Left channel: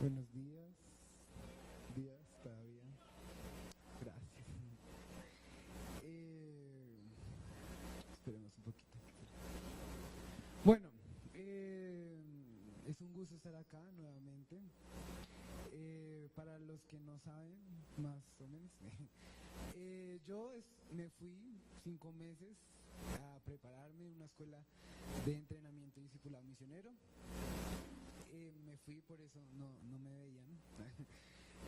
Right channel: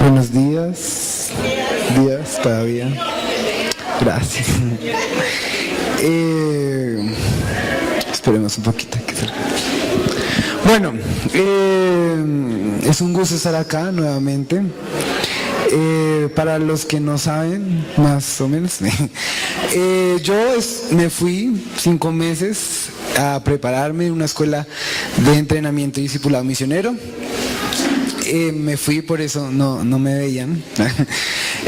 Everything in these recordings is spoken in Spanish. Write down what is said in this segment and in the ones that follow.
Buenos días. Días todavía. Gracias. Esperemos un poquito. Bueno, es un gusto estar acá nuevamente. Para los que no saben, más o menos, me fui 5 meses a prepararme en una escuela de entrenamiento y discipulado misionero. Me fui, por eso no me veían.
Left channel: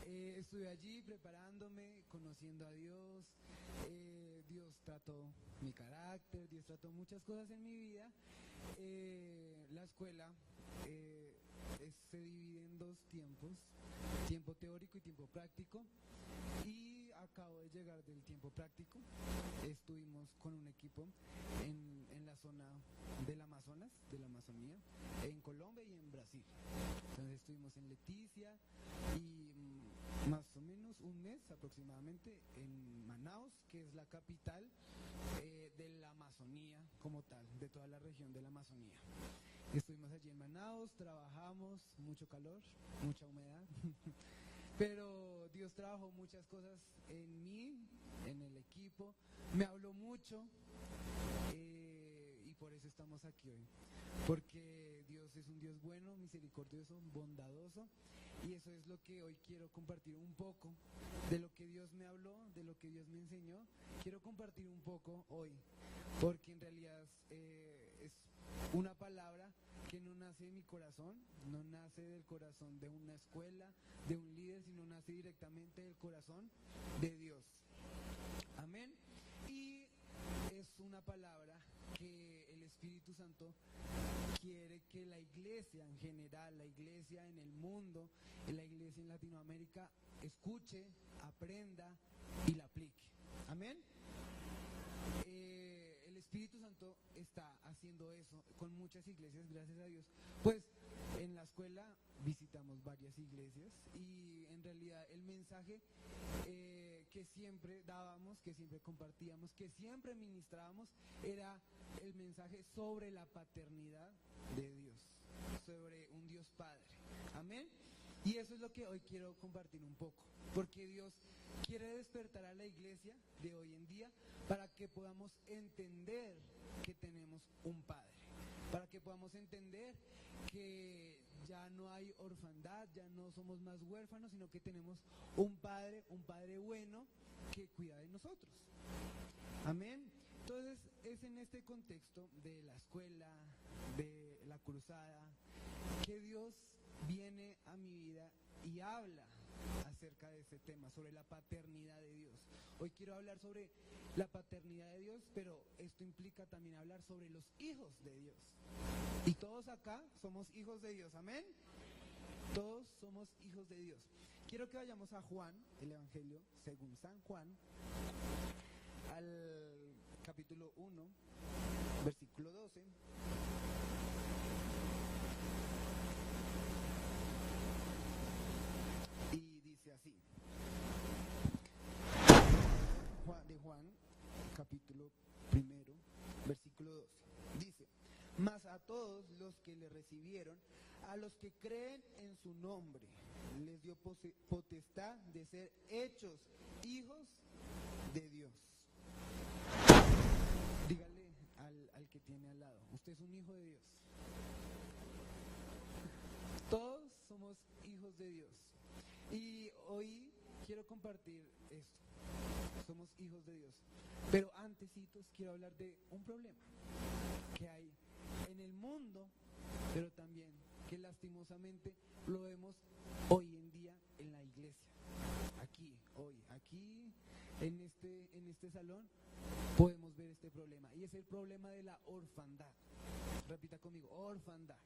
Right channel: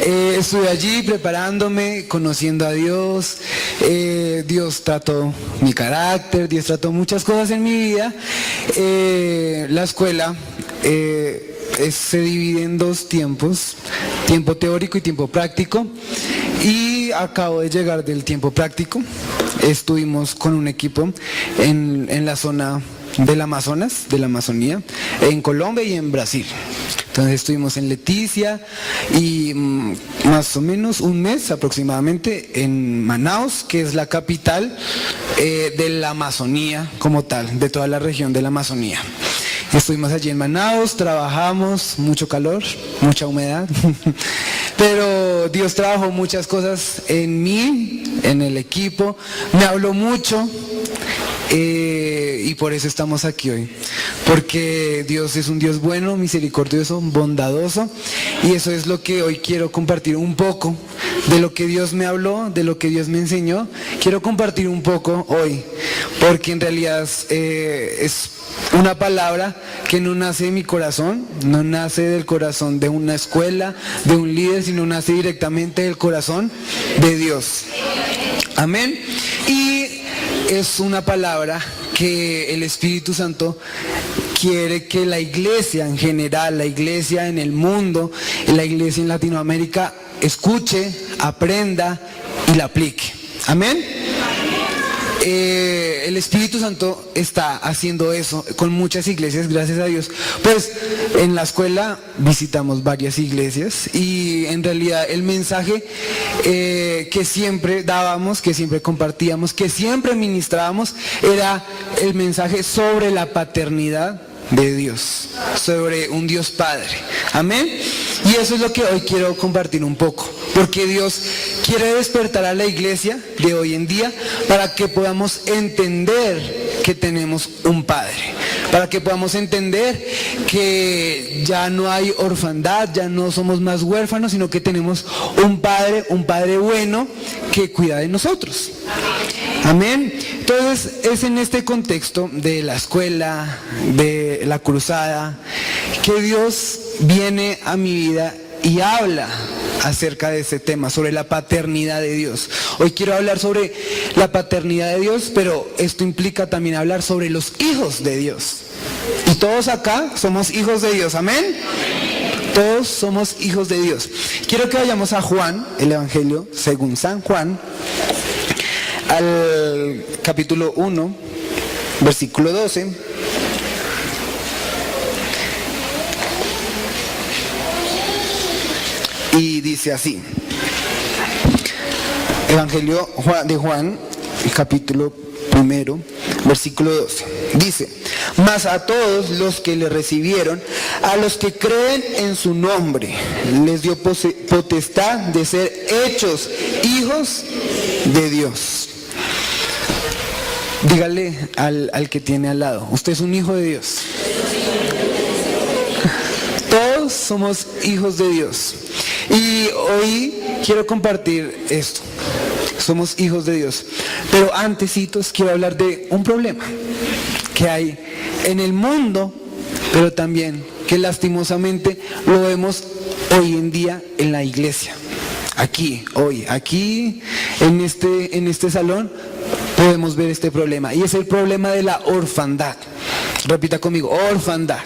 Estuve allí preparándome, conociendo a Dios. Dios trató mi carácter, Dios trató muchas cosas en mi vida. La escuela se divide en 2 tiempos, tiempo teórico y tiempo práctico. Y acabo de llegar del tiempo práctico. Estuvimos con un equipo en la zona del Amazonas, de la Amazonía, en Colombia y en Brasil. Entonces estuvimos en Leticia y más o menos un mes aproximadamente en Manaus, que es la capital de la Amazonía como tal, de toda la región de la Amazonía. Estuvimos allí en Manaus, trabajamos, mucho calor, mucha humedad, pero Dios trabajó muchas cosas en mí, en el equipo, me habló mucho. Y por eso estamos aquí hoy, porque Dios es un Dios bueno, misericordioso, bondadoso, y eso es lo que hoy quiero compartir un poco, de lo que Dios me habló, de lo que Dios me enseñó. Quiero compartir un poco hoy, porque en realidad es una palabra que no nace de mi corazón, no nace del corazón de una escuela, de un líder, sino nace directamente del corazón de Dios. Amén. Y es una palabra que el Espíritu Santo quiere que la iglesia en general, la iglesia en el mundo, la iglesia en Latinoamérica escuche, aprenda y la aplique. Amén. El Espíritu Santo está haciendo eso con muchas iglesias, gracias a Dios. Pues en la escuela visitamos varias iglesias y en realidad el mensaje que siempre dábamos, que siempre compartíamos, que siempre ministrábamos, era el mensaje sobre la paternidad de Dios, sobre un Dios Padre. Amén. Y eso es lo que hoy quiero compartir un poco, porque Dios quiere despertar a la iglesia de hoy en día para que podamos entender que tenemos un Padre, para que podamos entender que ya no hay orfandad, ya no somos más huérfanos, sino que tenemos un Padre bueno que cuida de nosotros. Amén. Entonces es en este contexto de la escuela, de la cruzada, que Dios viene a mi vida y habla acerca de ese tema, sobre la paternidad de Dios. Hoy quiero hablar sobre la paternidad de Dios, pero esto implica también hablar sobre los hijos de Dios. Y todos acá somos hijos de Dios, amén. Todos somos hijos de Dios. Quiero que vayamos a Juan, el Evangelio según San Juan, al capítulo 1, versículo 12. Y dice así, Evangelio de Juan, capítulo 1, versículo 12. Dice, mas a todos los que le recibieron, a los que creen en su nombre, les dio potestad de ser hechos hijos de Dios. Dígale al que tiene al lado, usted es un hijo de Dios. Todos somos hijos de Dios. Y hoy quiero compartir esto. Somos hijos de Dios. Pero antesitos quiero hablar de un problema que hay en el mundo, pero también que lastimosamente lo vemos hoy en día en la iglesia. Aquí, hoy, aquí en este salón podemos ver este problema. Y es el problema de la orfandad. Repita conmigo, orfandad.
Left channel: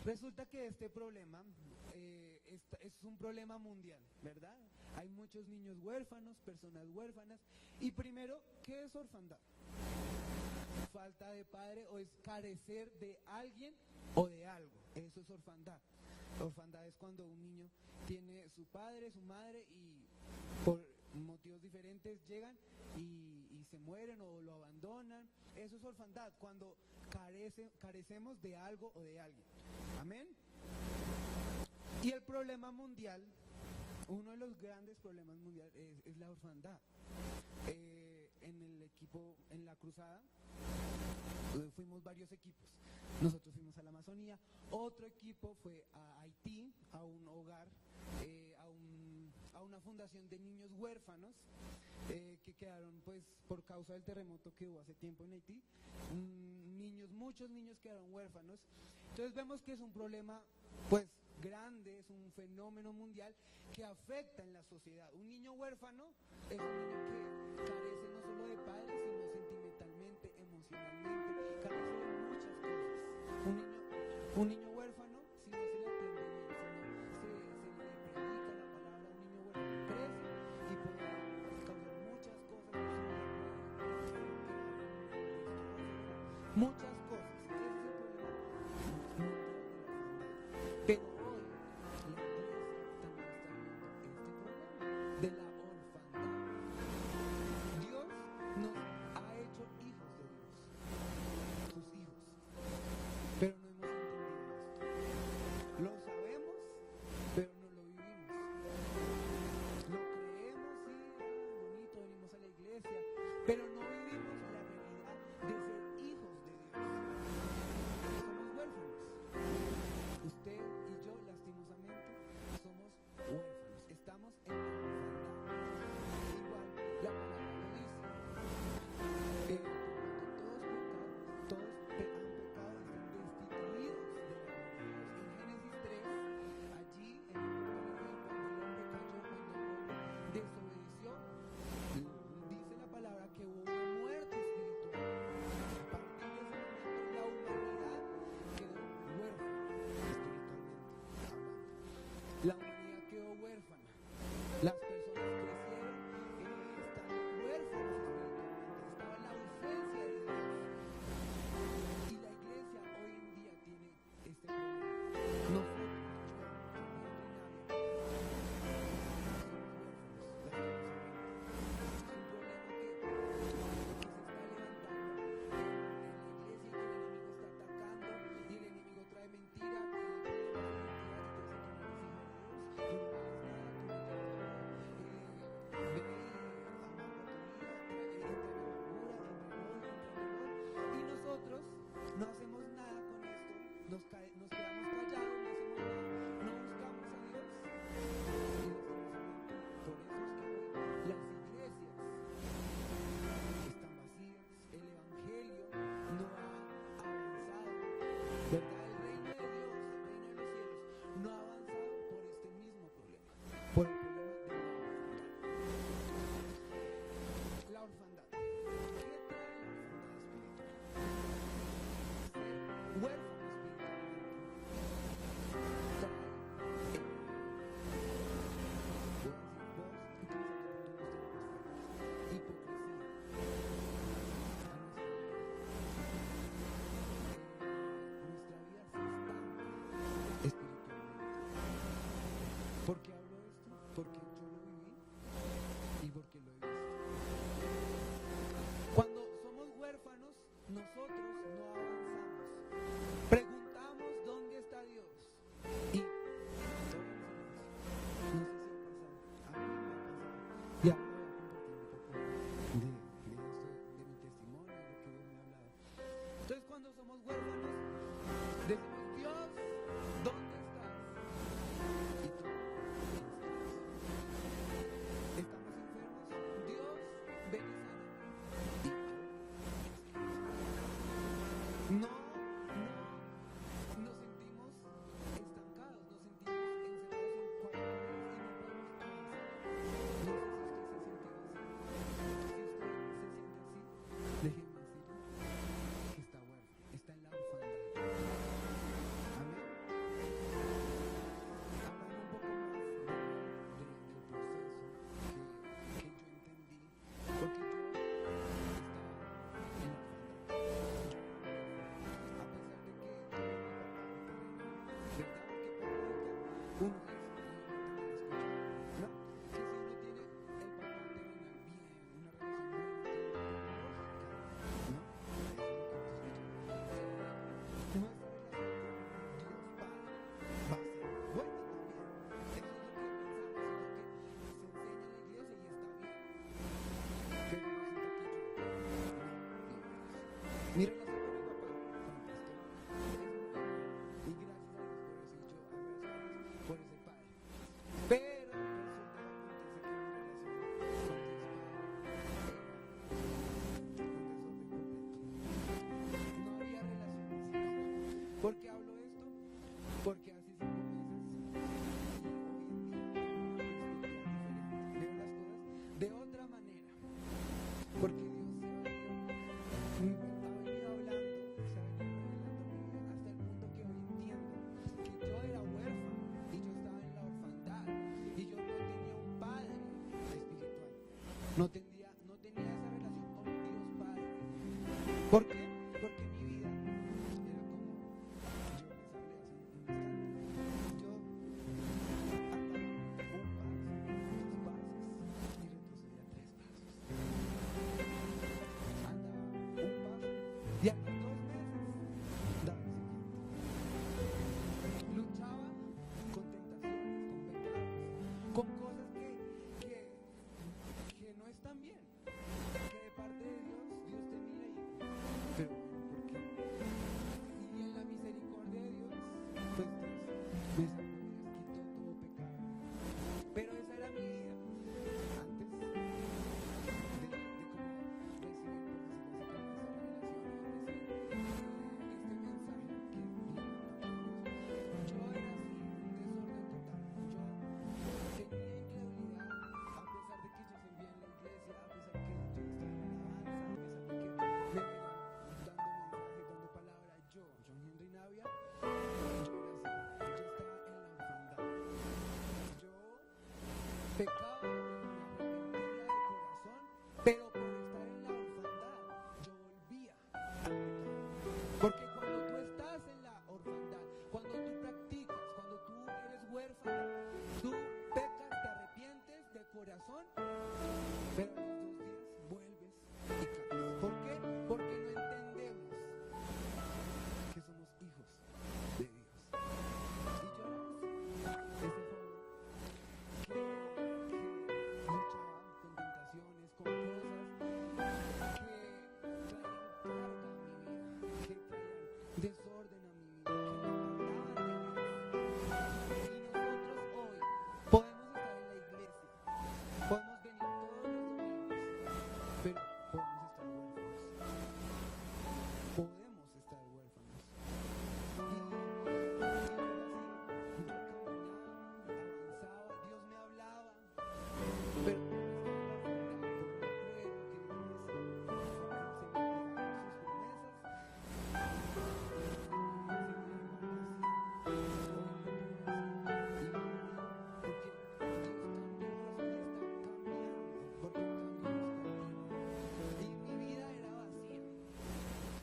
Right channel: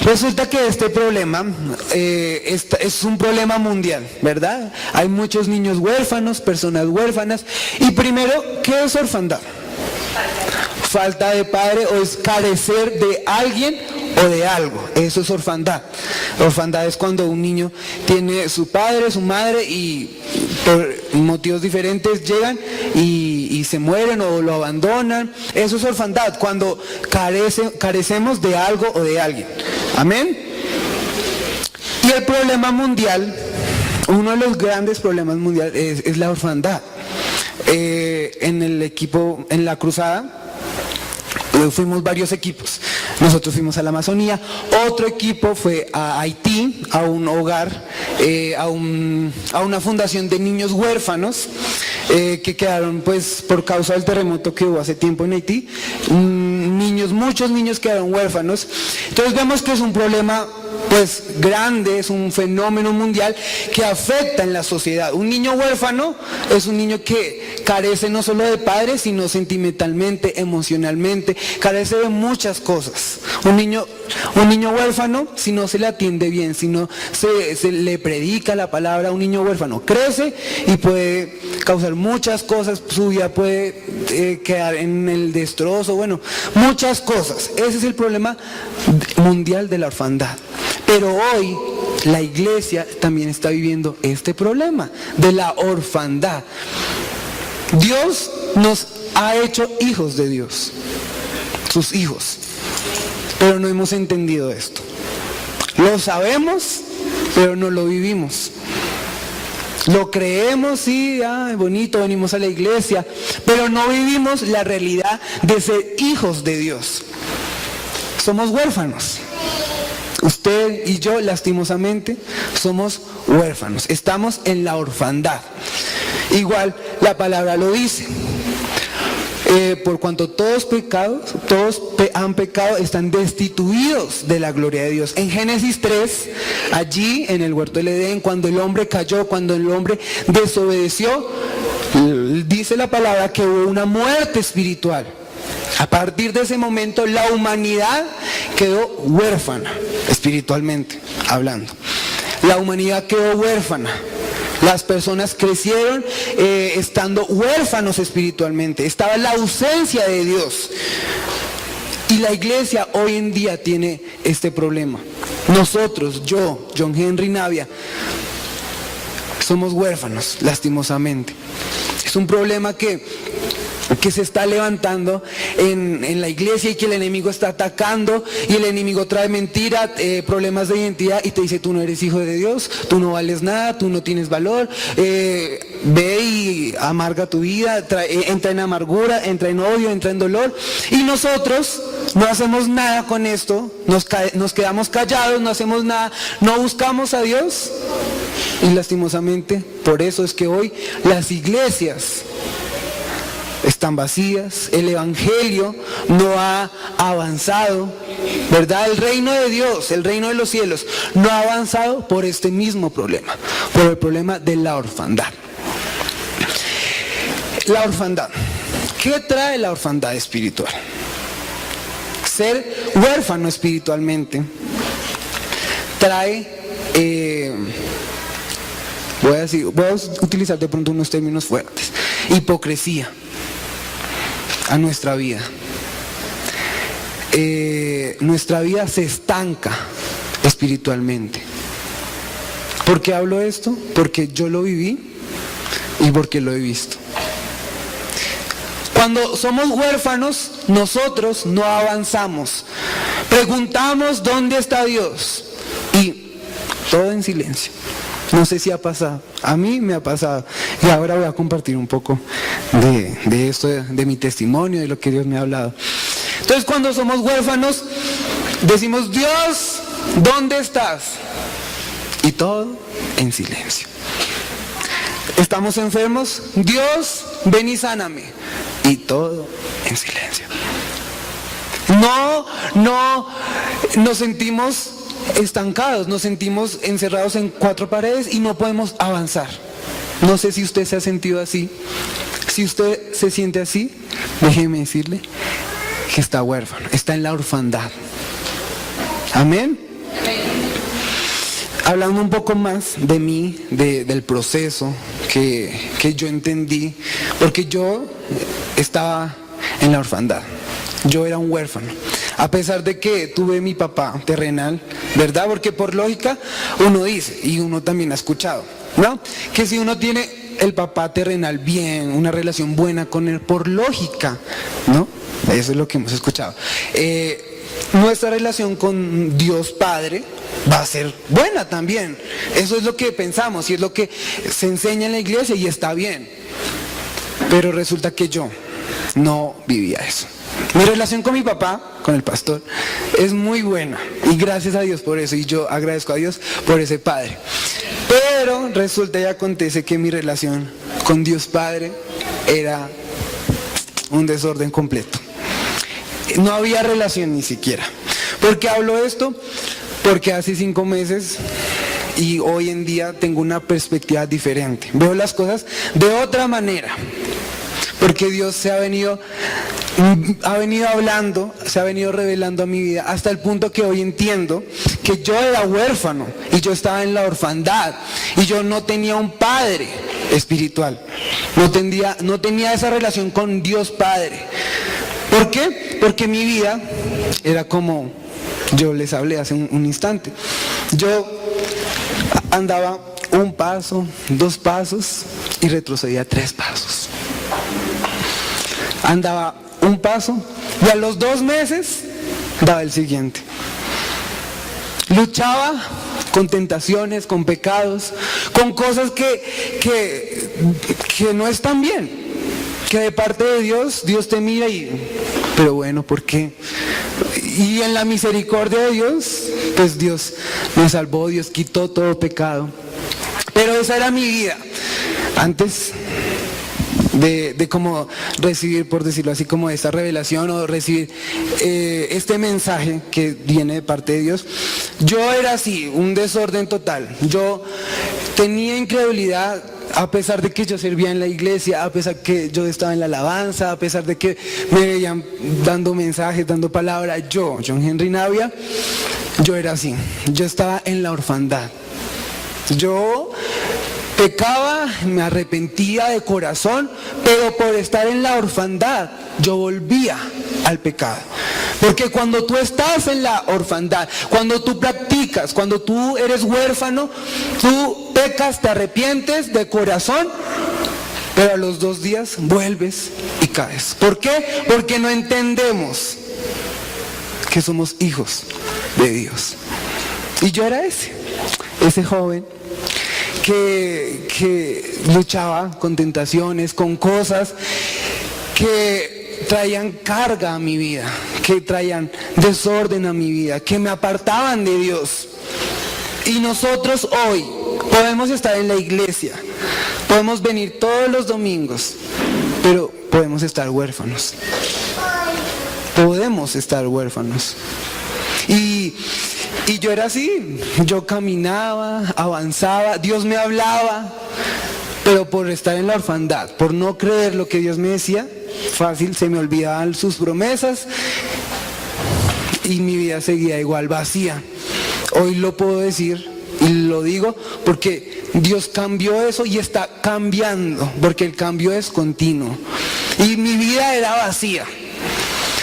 Resulta que este problema es un problema mundial, ¿verdad? Hay muchos niños huérfanos, personas huérfanas. Y primero, ¿qué es orfandad? Falta de padre o es carecer de alguien o de algo. Eso es orfandad. Orfandad es cuando un niño tiene su padre, su madre y por motivos diferentes llegan y y se mueren o lo abandonan. Eso es orfandad, cuando carecemos de algo o de alguien. Amén. Y el problema mundial, uno de los grandes problemas mundiales es la orfandad. En el equipo, en la cruzada, fuimos varios equipos. Nosotros fuimos a la Amazonía, otro equipo fue a Haití, a un hogar, a una fundación de niños huérfanos que quedaron, pues, por causa del terremoto que hubo hace tiempo en Haití. Muchos niños quedaron huérfanos. Entonces vemos que es un problema, pues, grande, es un fenómeno mundial que afecta en la sociedad. Un niño huérfano es un niño que carece no solo de padres, sino sentimentalmente, emocionalmente, carece de muchas cosas. Un niño huérfano, si no se le atiende bien, si no se le predica la palabra, un niño huérfano crece y puede causar muchas cosas, su vida puede quedar en el destrozo, bueno, muchas cosas. Ese es el problema mundial de la orfandad. Pero hoy la iglesia también está viviendo este problema de la orfandad. Dios nos ha hecho hijos de Dios, sus hijos, pero no hemos entendido esto. Lo sabemos, pero no lo vivimos. Lo creemos, sí, bonito, venimos a la iglesia, pero no vivimos la realidad de ser hijos de Dios. Somos huérfanos. Usted y yo, lastimosamente, somos huérfanos. Estamos en la orfandad. Igual la palabra lo dice. Por cuanto todos han pecado, están destituidos de la gloria de Dios. En Génesis 3, allí en el huerto del Edén, cuando el hombre cayó, cuando el hombre desobedeció, dice la palabra que hubo una muerte espiritual. A partir de ese momento la humanidad quedó huérfana, espiritualmente hablando. La humanidad quedó huérfana. Las personas crecieron estando huérfanos espiritualmente. Estaba la ausencia de Dios. Y la iglesia hoy en día tiene este problema. Nosotros, yo, John Henry Navia, somos huérfanos, lastimosamente. Es un problema que se está levantando en la iglesia y que el enemigo está atacando, y el enemigo trae mentira, problemas de identidad, y te dice: tú no eres hijo de Dios, tú no vales nada, tú no tienes valor, ve y amarga tu vida, entra en amargura, entra en odio, entra en dolor. Y nosotros no hacemos nada con esto, nos quedamos callados, no hacemos nada, no buscamos a Dios, y lastimosamente por eso es que hoy las iglesias están vacías, el evangelio no ha avanzado, ¿verdad? El reino de Dios, el reino de los cielos, no ha avanzado por este mismo problema, por el problema de la orfandad. La orfandad. ¿Qué trae la orfandad espiritual? Ser huérfano espiritualmente trae, voy a utilizar de pronto unos términos fuertes, hipocresía a nuestra vida. Nuestra vida se estanca espiritualmente. ¿Por qué hablo esto? Porque yo lo viví y porque lo he visto. Cuando somos huérfanos, nosotros no avanzamos. Preguntamos dónde está Dios y todo en silencio. No sé si ha pasado, a mí me ha pasado, y ahora voy a compartir un poco de esto, de mi testimonio, de lo que Dios me ha hablado. Entonces, cuando somos huérfanos, decimos: Dios, ¿dónde estás? Y todo en silencio. Estamos enfermos: Dios, ven y sáname. Y todo en silencio. No nos sentimos estancados, nos sentimos encerrados en cuatro paredes y no podemos avanzar. No sé si usted se ha sentido así. Si usted se siente así, déjeme decirle que está huérfano, está en la orfandad. Amén. Hablando un poco más de mí, del proceso que yo entendí, porque yo estaba en la orfandad. Yo era un huérfano, a pesar de que tuve mi papá terrenal, ¿verdad? Porque por lógica uno dice, y uno también ha escuchado, ¿no? Que si uno tiene el papá terrenal bien, una relación buena con él por lógica, ¿no? Eso es lo que hemos escuchado. Nuestra relación con Dios Padre va a ser buena también. Eso es lo que pensamos y es lo que se enseña en la iglesia y está bien. Pero resulta que yo no vivía eso. Mi relación con mi papá, con el pastor, es muy buena y gracias a Dios por eso, y yo agradezco a Dios por ese padre. Pero resulta y acontece que mi relación con Dios Padre era un desorden completo. No había relación ni siquiera. ¿Por qué hablo esto? Porque hace 5 meses y hoy en día tengo una perspectiva diferente. Veo las cosas de otra manera. Porque Dios ha venido hablando, se ha venido revelando a mi vida hasta el punto que hoy entiendo que yo era huérfano y yo estaba en la orfandad y yo no tenía un padre espiritual, no tenía esa relación con Dios Padre. ¿Por qué? Porque mi vida era como yo les hablé hace un instante. Yo andaba 1 paso, 2 pasos y retrocedía 3 pasos. Andaba 1 paso y a los 2 meses daba el siguiente. Luchaba con tentaciones, con pecados, con cosas que no están bien, que de parte de Dios te mira pero bueno, ¿por qué? Y en la misericordia de Dios, pues Dios me salvó, Dios quitó todo pecado. Pero esa era mi vida antes de como recibir, por decirlo así, como esta revelación o recibir este mensaje que viene de parte de Dios. Yo era así, un desorden total. Yo tenía incredulidad a pesar de que yo servía en la iglesia, a pesar que yo estaba en la alabanza, a pesar de que me veían dando mensajes, dando palabra. John Henry Navia, yo era así. Yo estaba en la orfandad. Yo pecaba, me arrepentía de corazón, pero por estar en la orfandad, yo volvía al pecado. Porque cuando tú estás en la orfandad, cuando tú practicas, cuando tú eres huérfano, tú pecas, te arrepientes de corazón, pero a los 2 días vuelves y caes. ¿Por qué? Porque no entendemos que somos hijos de Dios. Y yo era ese joven que luchaba con tentaciones, con cosas que traían carga a mi vida, que traían desorden a mi vida, que me apartaban de Dios. Y nosotros hoy podemos estar en la iglesia, podemos venir todos los domingos, pero podemos estar huérfanos. Podemos estar huérfanos. Y yo era así, yo caminaba, avanzaba, Dios me hablaba, pero por estar en la orfandad, por no creer lo que Dios me decía, fácil se me olvidaban sus promesas y mi vida seguía igual vacía. Hoy lo puedo decir y lo digo porque Dios cambió eso y está cambiando, porque el cambio es continuo. Y mi vida era vacía.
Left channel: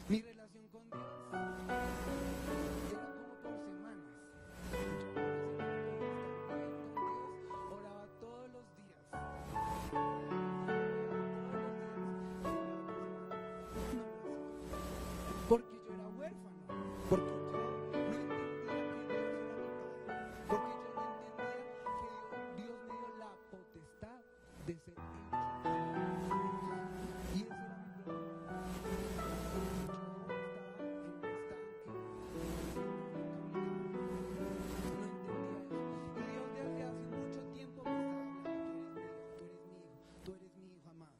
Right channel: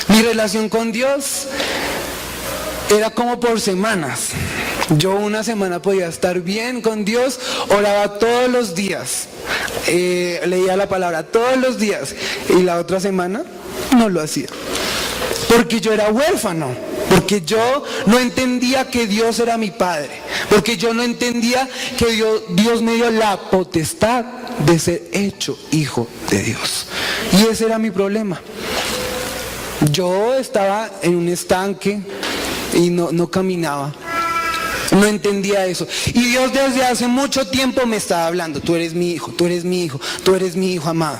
Mi relación con Dios era como por semanas. Yo una semana podía estar bien con Dios, oraba todos los días, leía la palabra todos los días, y la otra semana no lo hacía. Porque yo era huérfano, porque yo no entendía que Dios era mi Padre, porque yo no entendía que Dios me dio la potestad de ser hecho hijo de Dios. Y ese era mi problema. Yo estaba en un estanque y no caminaba. No entendía eso. Y Dios desde hace mucho tiempo me estaba hablando. Tú eres mi hijo, tú eres mi hijo, tú eres mi hijo amado.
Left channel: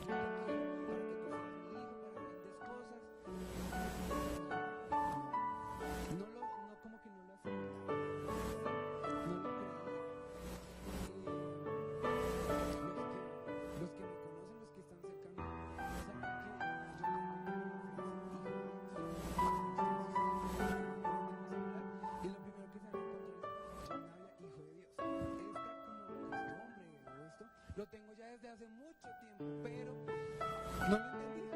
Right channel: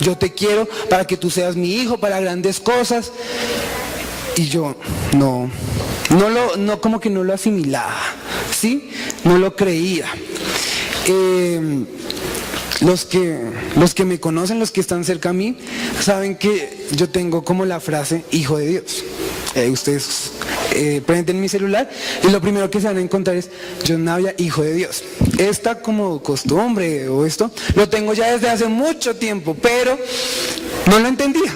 Yo te quiero para que tú seas mi hijo, para grandes cosas. Y yo como que no lo asimilaba, ¿sí? No lo creía. Los que me conocen, los que están cerca a mí, saben que yo tengo como la frase hijo de Dios. Ustedes prenden mi celular y lo primero que se van a encontrar es John Navia, hijo de Dios. Esta como costumbre o esto lo tengo ya desde hace mucho tiempo, pero no lo entendía.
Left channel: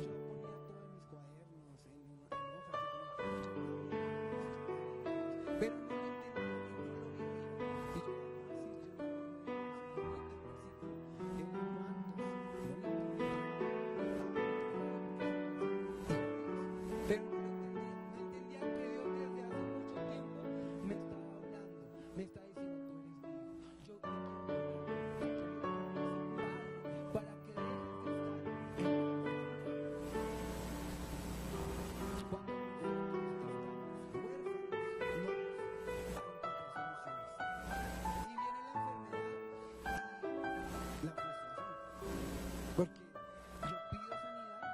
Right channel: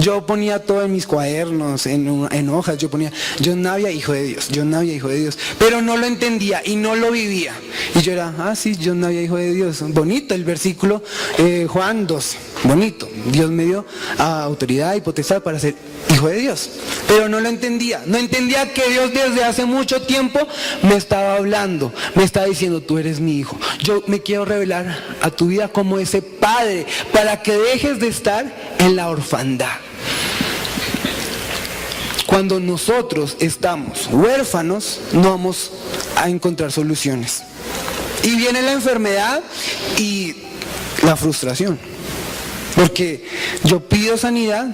Yo ponía todo en mis cuadernos, en hojas, yo ponía, John Navia, hijo de Dios, John Navia, hijo de Dios, pero no lo entendía y no lo vivía. Y yo era, sí, John Navia, hijo de Dios, bonito el versículo, Juan 12, bonito, Dios me dio autoridad y potestad para ser hijo de Dios, pero no lo entendía, no entendía que Dios desde hace mucho tiempo me estaba hablando, me estaba diciendo, tú eres mi hijo, yo me quiero revelar a tu vida como ese padre, para que dejes de estar en la orfandad. Cuando nosotros estamos huérfanos, no vamos a encontrar soluciones. Y viene la enfermedad y la frustración. Porque yo pido sanidad,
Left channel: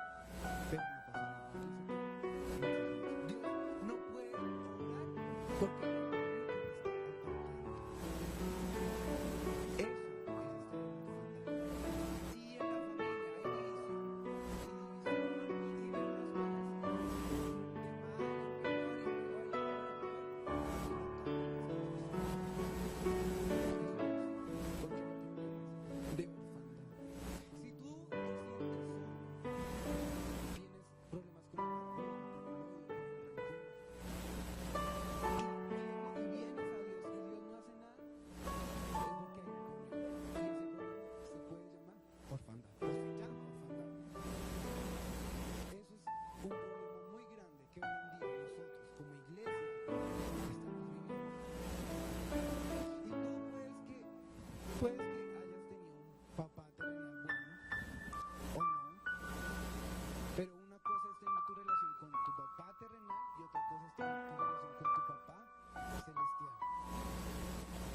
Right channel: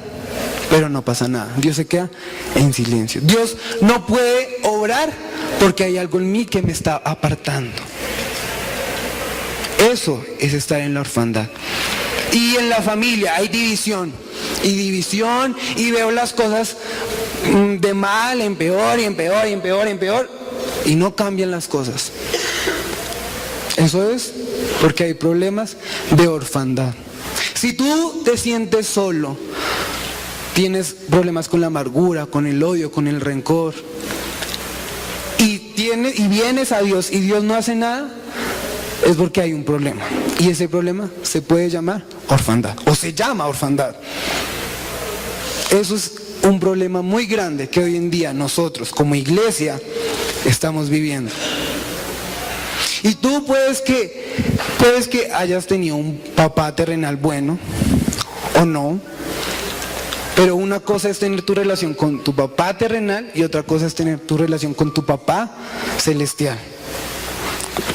pero no pasa nada. Dios se queda en silencio. Dios no puede obrar porque hay algo en mí que me está apartando. Eso es estar en la orfandad. Y en la familia hay división, y veo las cosas de mal en peor, y en peor, y en peor, y en peor, y no cambian las cosas. Eso es porque hay problemas de orfandad. Si tú te sientes solo, tienes problemas con la amargura, con el odio, con el rencor, y vienes a Dios y Dios no hace nada, es porque hay un problema. Y ese problema se puede llamar orfandad, o se llama orfandad. Eso es un problema muy grande que hoy en día nosotros como iglesia estamos viviendo. Y tú puedes que hayas tenido un papá terrenal bueno o no, pero una cosa es tener tu relación con tu papá terrenal y otra cosa es tener tu relación con tu papá celestial.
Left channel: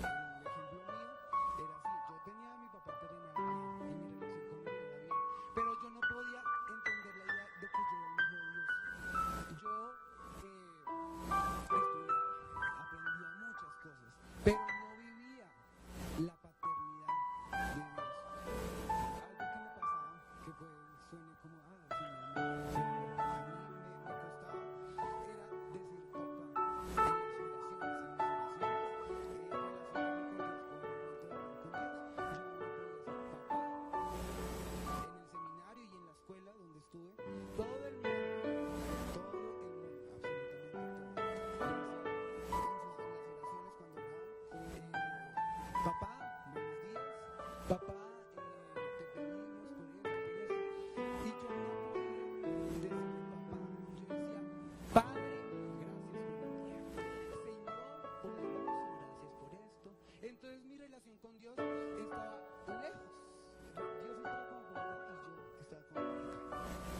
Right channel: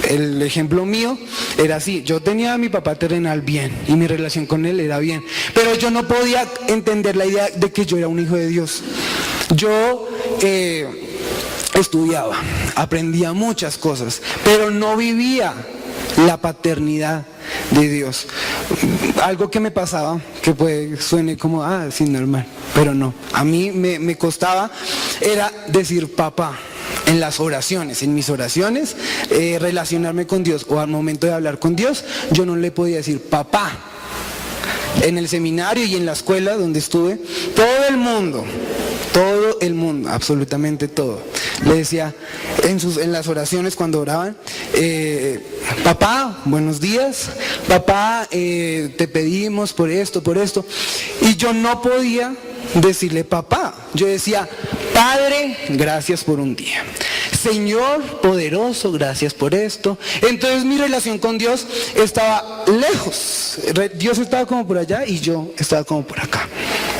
El ejemplo mío era así, yo tenía a mi papá terrenal bien y mi relación con él era bien, pero yo no podía entender la idea de que yo era un hijo de Dios. Yo estudiaba, aprendía muchas cosas, pero no vivía la paternidad de Dios. Algo que me pasaba, que suene como, sí, normal, pero no. A mí me costaba, era decir papá. En las oraciones, en mis oraciones, relacionarme con Dios o al momento de hablar con Dios, yo no le podía decir papá. En el seminario y en la escuela donde estuve, todo el mundo, absolutamente todo, le decía en las oraciones cuando oraban, papá, buenos días, papá, te pedimos por esto, y yo no podía decirle papá, yo decía, Padre, gracias por un día, Señor poderoso, gracias por esto. Entonces mi relación con Dios estaba lejos, Dios estaba como por allá y yo estaba como por acá,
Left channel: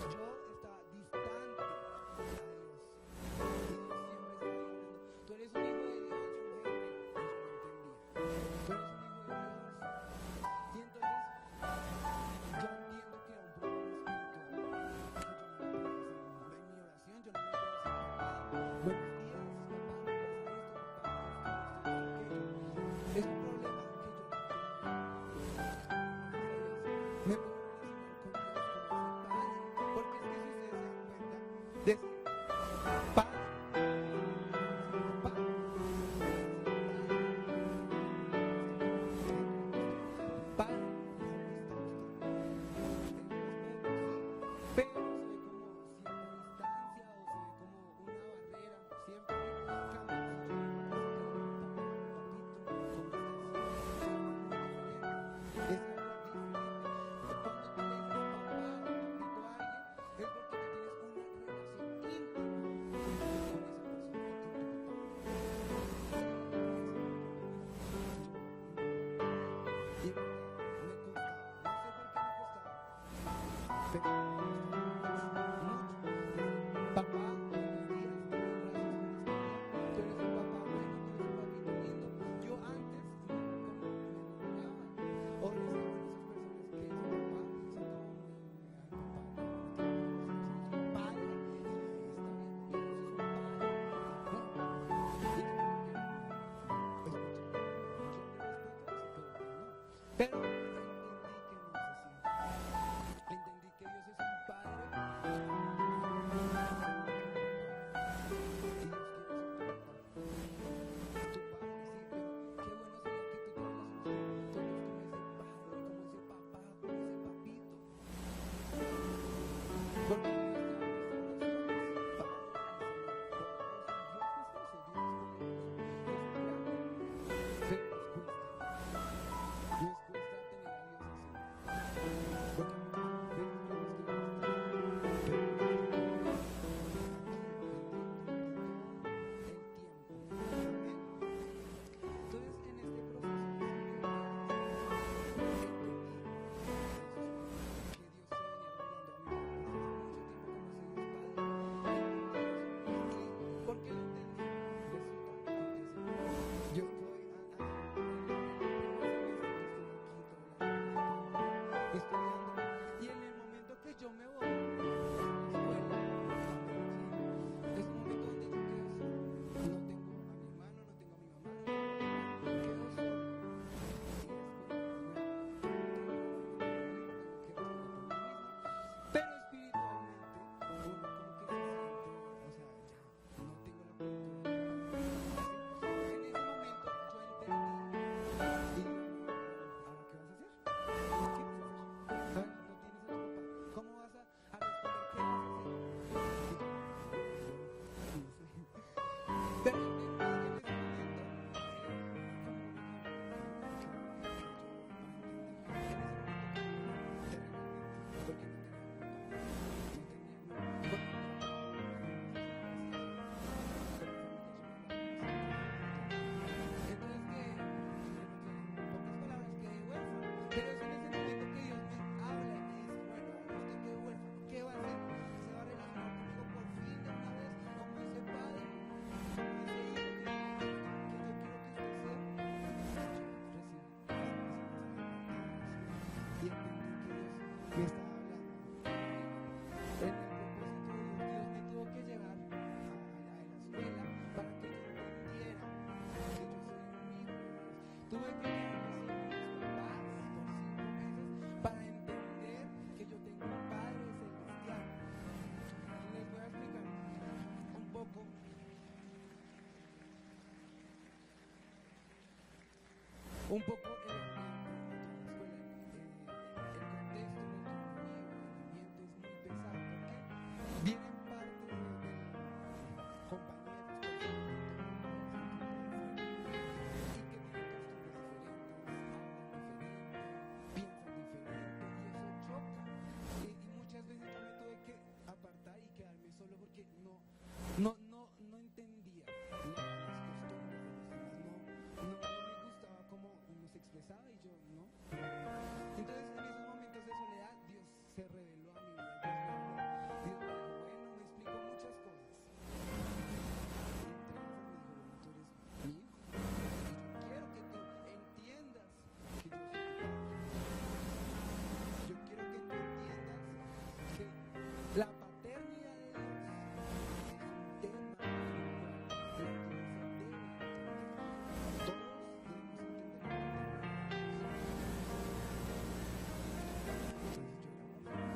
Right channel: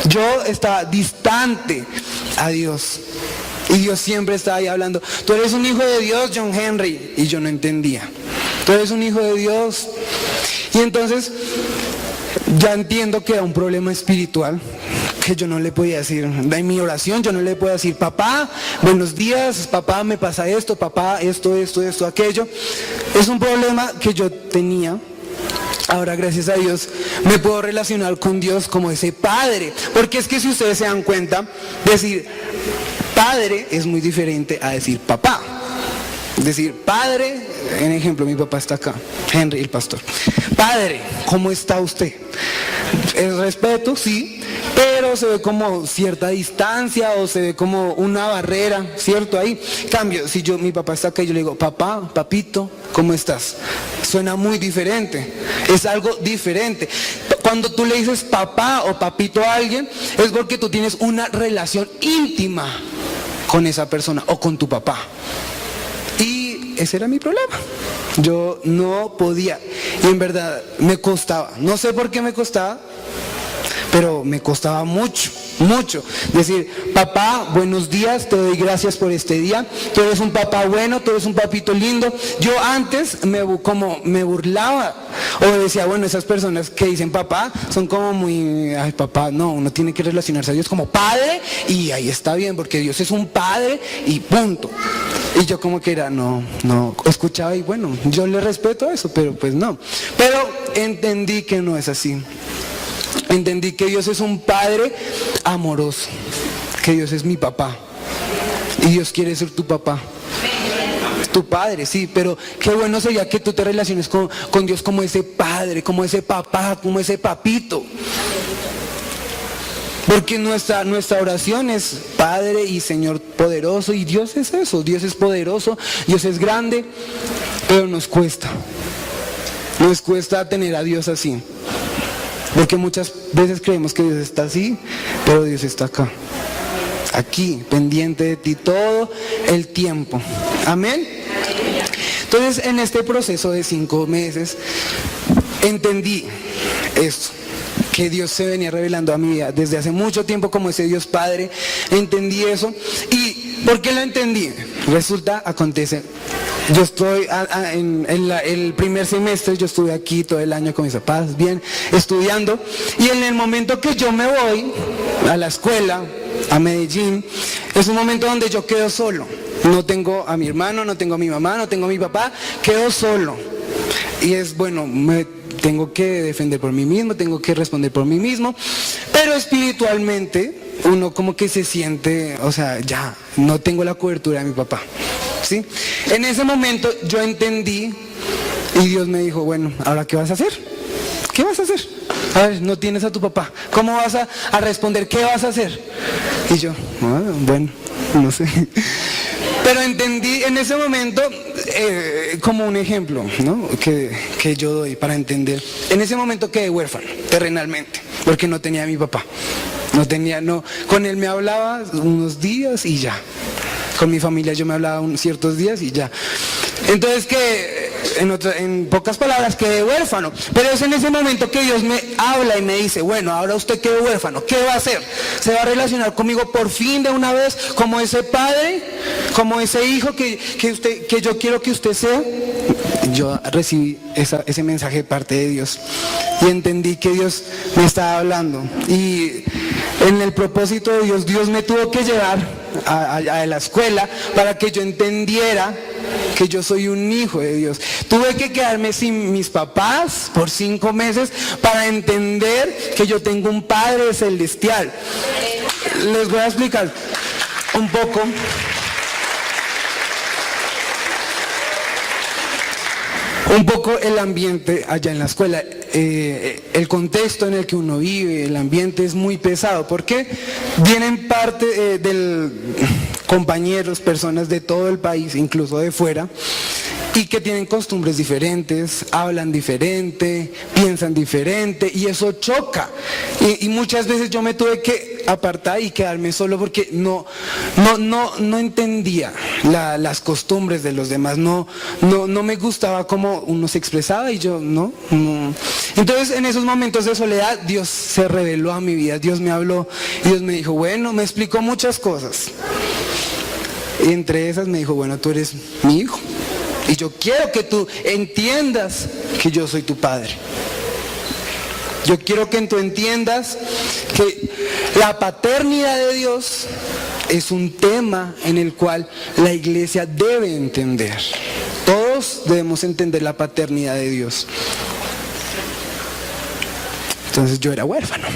yo estaba distante a Dios. Y Dios siempre estaba ahí hablando, tú eres un hijo de Dios, John Henry, y yo no entendía, tú eres un hijo de Dios. Y entonces ya entiendo que era un problema espiritual, que yo no le podía decir, en mi oración yo no le podía decir, papá, buenos días, papá, me pasa esto, papá, esto, aquello. Es un problema que yo tenía. Ahora, gracias a Dios, me puedo relacionar con Dios como ese padre, porque es que si ustedes se dan cuenta, decir padre es muy diferente a decir papá. Decir padre, en ejemplo, mi papá está acá, Henry, el pastor. Padre, ¿cómo está usted? El respeto, sí, pero se ve como cierta distancia o se ve como una barrera, ¿cierto? Ahí, cambio, si mi papá está acá y yo le digo, papá, papito, ¿cómo estás? Suena muy diferente, es algo diferente. Cuando tú le dices papá o papito a alguien, es porque tú tienes una relación íntima con esa persona o con tu papá. Y ese era mi problema. Yo no podía, y en verdad me costaba, no sé por qué me costaba, pero me costaba mucho decir, papá, buenos días, te doy gracias por este día, tú eres un papá bueno, tú eres un papito lindo. Yo antes me burlaba o decía, bueno, esas personas que dicen papá son como muy, ay, papá, no, uno tiene que relacionarse a Dios como padre y ahí está bien, porque Dios es un padre y punto. Y yo como que era, no, escuchaba y bueno, yo le respeto eso, pero pues no. Pero entendí que no es así. Entendí que Dios es un padre amoroso, que Dios es mi papá y Dios quiere ser tu papá, tu padre, sí, pero qué bueno sería que tú te relaciones con Dios como ese padre, como ese papá, como ese papito. Porque nuestra oración es Padre y Señor poderoso, y Dios es eso, Dios es poderoso, Dios es grande, pero nos cuesta tener a Dios así. Porque muchas veces creemos que Dios está así, pero Dios está acá, aquí, pendiente de ti todo el tiempo. Amén. Entonces, en este proceso de 5 meses, entendí esto, que Dios se venía revelando a mi vida desde hace mucho tiempo como ese Dios Padre. Entendí eso. ¿Y por qué lo entendí? Acontece, yo estoy el primer semestre, yo estuve aquí todo el año con mis papás, bien, estudiando, y en el momento que yo me voy a la escuela, a Medellín, es un momento donde yo quedo solo. No tengo a mi hermano, no tengo a mi mamá, no tengo a mi papá, quedo solo. Y es bueno, me tengo que defender por mí mismo, tengo que responder por mí mismo, pero espiritualmente uno como que se siente, o sea, ya, no tengo la cobertura de mi papá, ¿sí? En ese momento yo entendí y Dios me dijo, bueno, ¿ahora qué vas a hacer? ¿Qué vas a hacer? A ver, no tienes a tu papá, ¿cómo vas a responder? ¿Qué vas a hacer? Y yo, bueno, no sé. Pero entendí en ese momento, como un ejemplo, ¿no? que yo doy para entender. En ese momento quedé huérfano, terrenalmente, porque no tenía a mi papá. Con él me hablaba unos días y ya. Con mi familia yo me hablaba ciertos días y ya. Entonces en pocas palabras quedé huérfano. Pero es en ese momento que Dios me habla y me dice, bueno, ahora usted quedó huérfano, ¿qué va a hacer? ¿Se va a relacionar conmigo por fin de una vez como ese padre, como ese hijo que yo quiero que usted sea? Yo recibí ese mensaje de parte de Dios y entendí que Dios me estaba hablando, y en el propósito de Dios me tuvo que llevar a la escuela para que yo entendiera que yo soy un hijo de Dios. Tuve que quedarme sin mis papás por 5 meses para entender que yo tengo un Padre celestial. Les voy a explicar un poco el ambiente allá en la escuela. El contexto en el que uno vive, el ambiente es muy pesado, porque vienen parte compañeros, personas de todo el país, incluso de fuera, y que tienen costumbres diferentes, hablan diferente, piensan diferente, y eso choca. Y muchas veces yo me tuve que apartar y quedarme solo porque no entendía las costumbres de los demás, no me gustaba cómo uno se expresaba, y yo no. Entonces, en esos momentos de soledad, Dios se reveló a mi vida, Dios me habló, y Dios me dijo, bueno, me explicó muchas cosas. Y entre esas me dijo, bueno, tú eres mi hijo, y yo quiero que tú entiendas que yo soy tu padre. Yo quiero que tú entiendas que la paternidad de Dios es un tema en el cual la iglesia debe entender. Todos debemos entender la paternidad de Dios. Entonces yo era huérfano.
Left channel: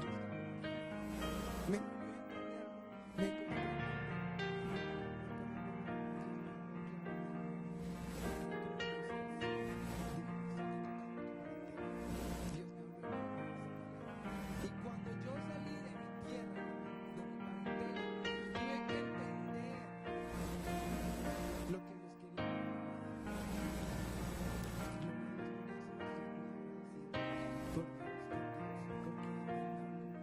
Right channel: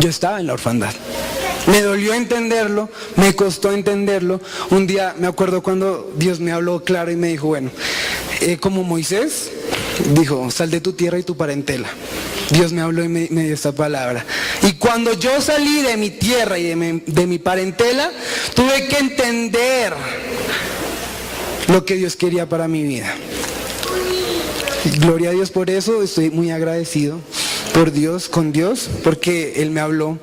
Yo estaba en la orfandad. Me dolió entenderlo, me costó entenderlo. Un día me acuerdo cuando Dios me habló claro y me dijo, bueno, como Moisés dijo, sal de tu tierra y tu parentela. Dios me habló y me dio esta palabra. Y cuando yo salí de mi tierra y de mi parentela, tuve que entender lo que Dios quería para mi vida. Gloria a Dios por eso, estoy muy agradecido con Dios, porque Él me habló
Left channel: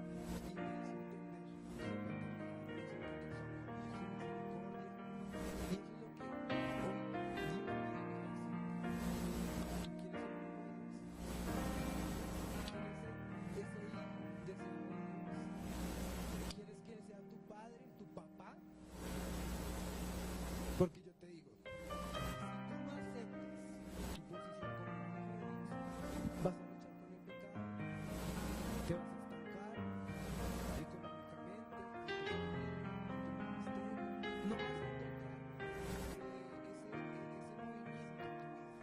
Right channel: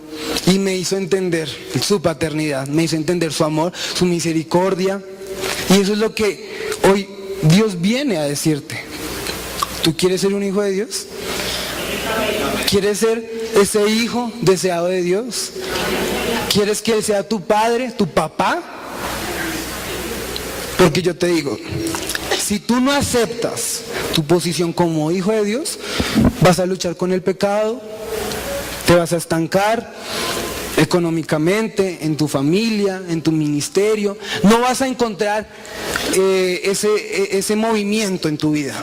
y me hizo entender su paternidad, me hizo entender su amor, su misericordia. Y eso es lo que hoy Dios viene a decirte. ¿Tú quieres ser un hijo de Dios? ¿Quieres ser ese hijo deseado de Dios? ¿Quieres que Él sea tu padre, tu papá? Porque yo te digo, si tú no aceptas tu posición como hijo de Dios, vas a luchar con el pecado, te vas a estancar económicamente, en tu familia, en tu ministerio. No vas a encontrar ese movimiento en tu vida.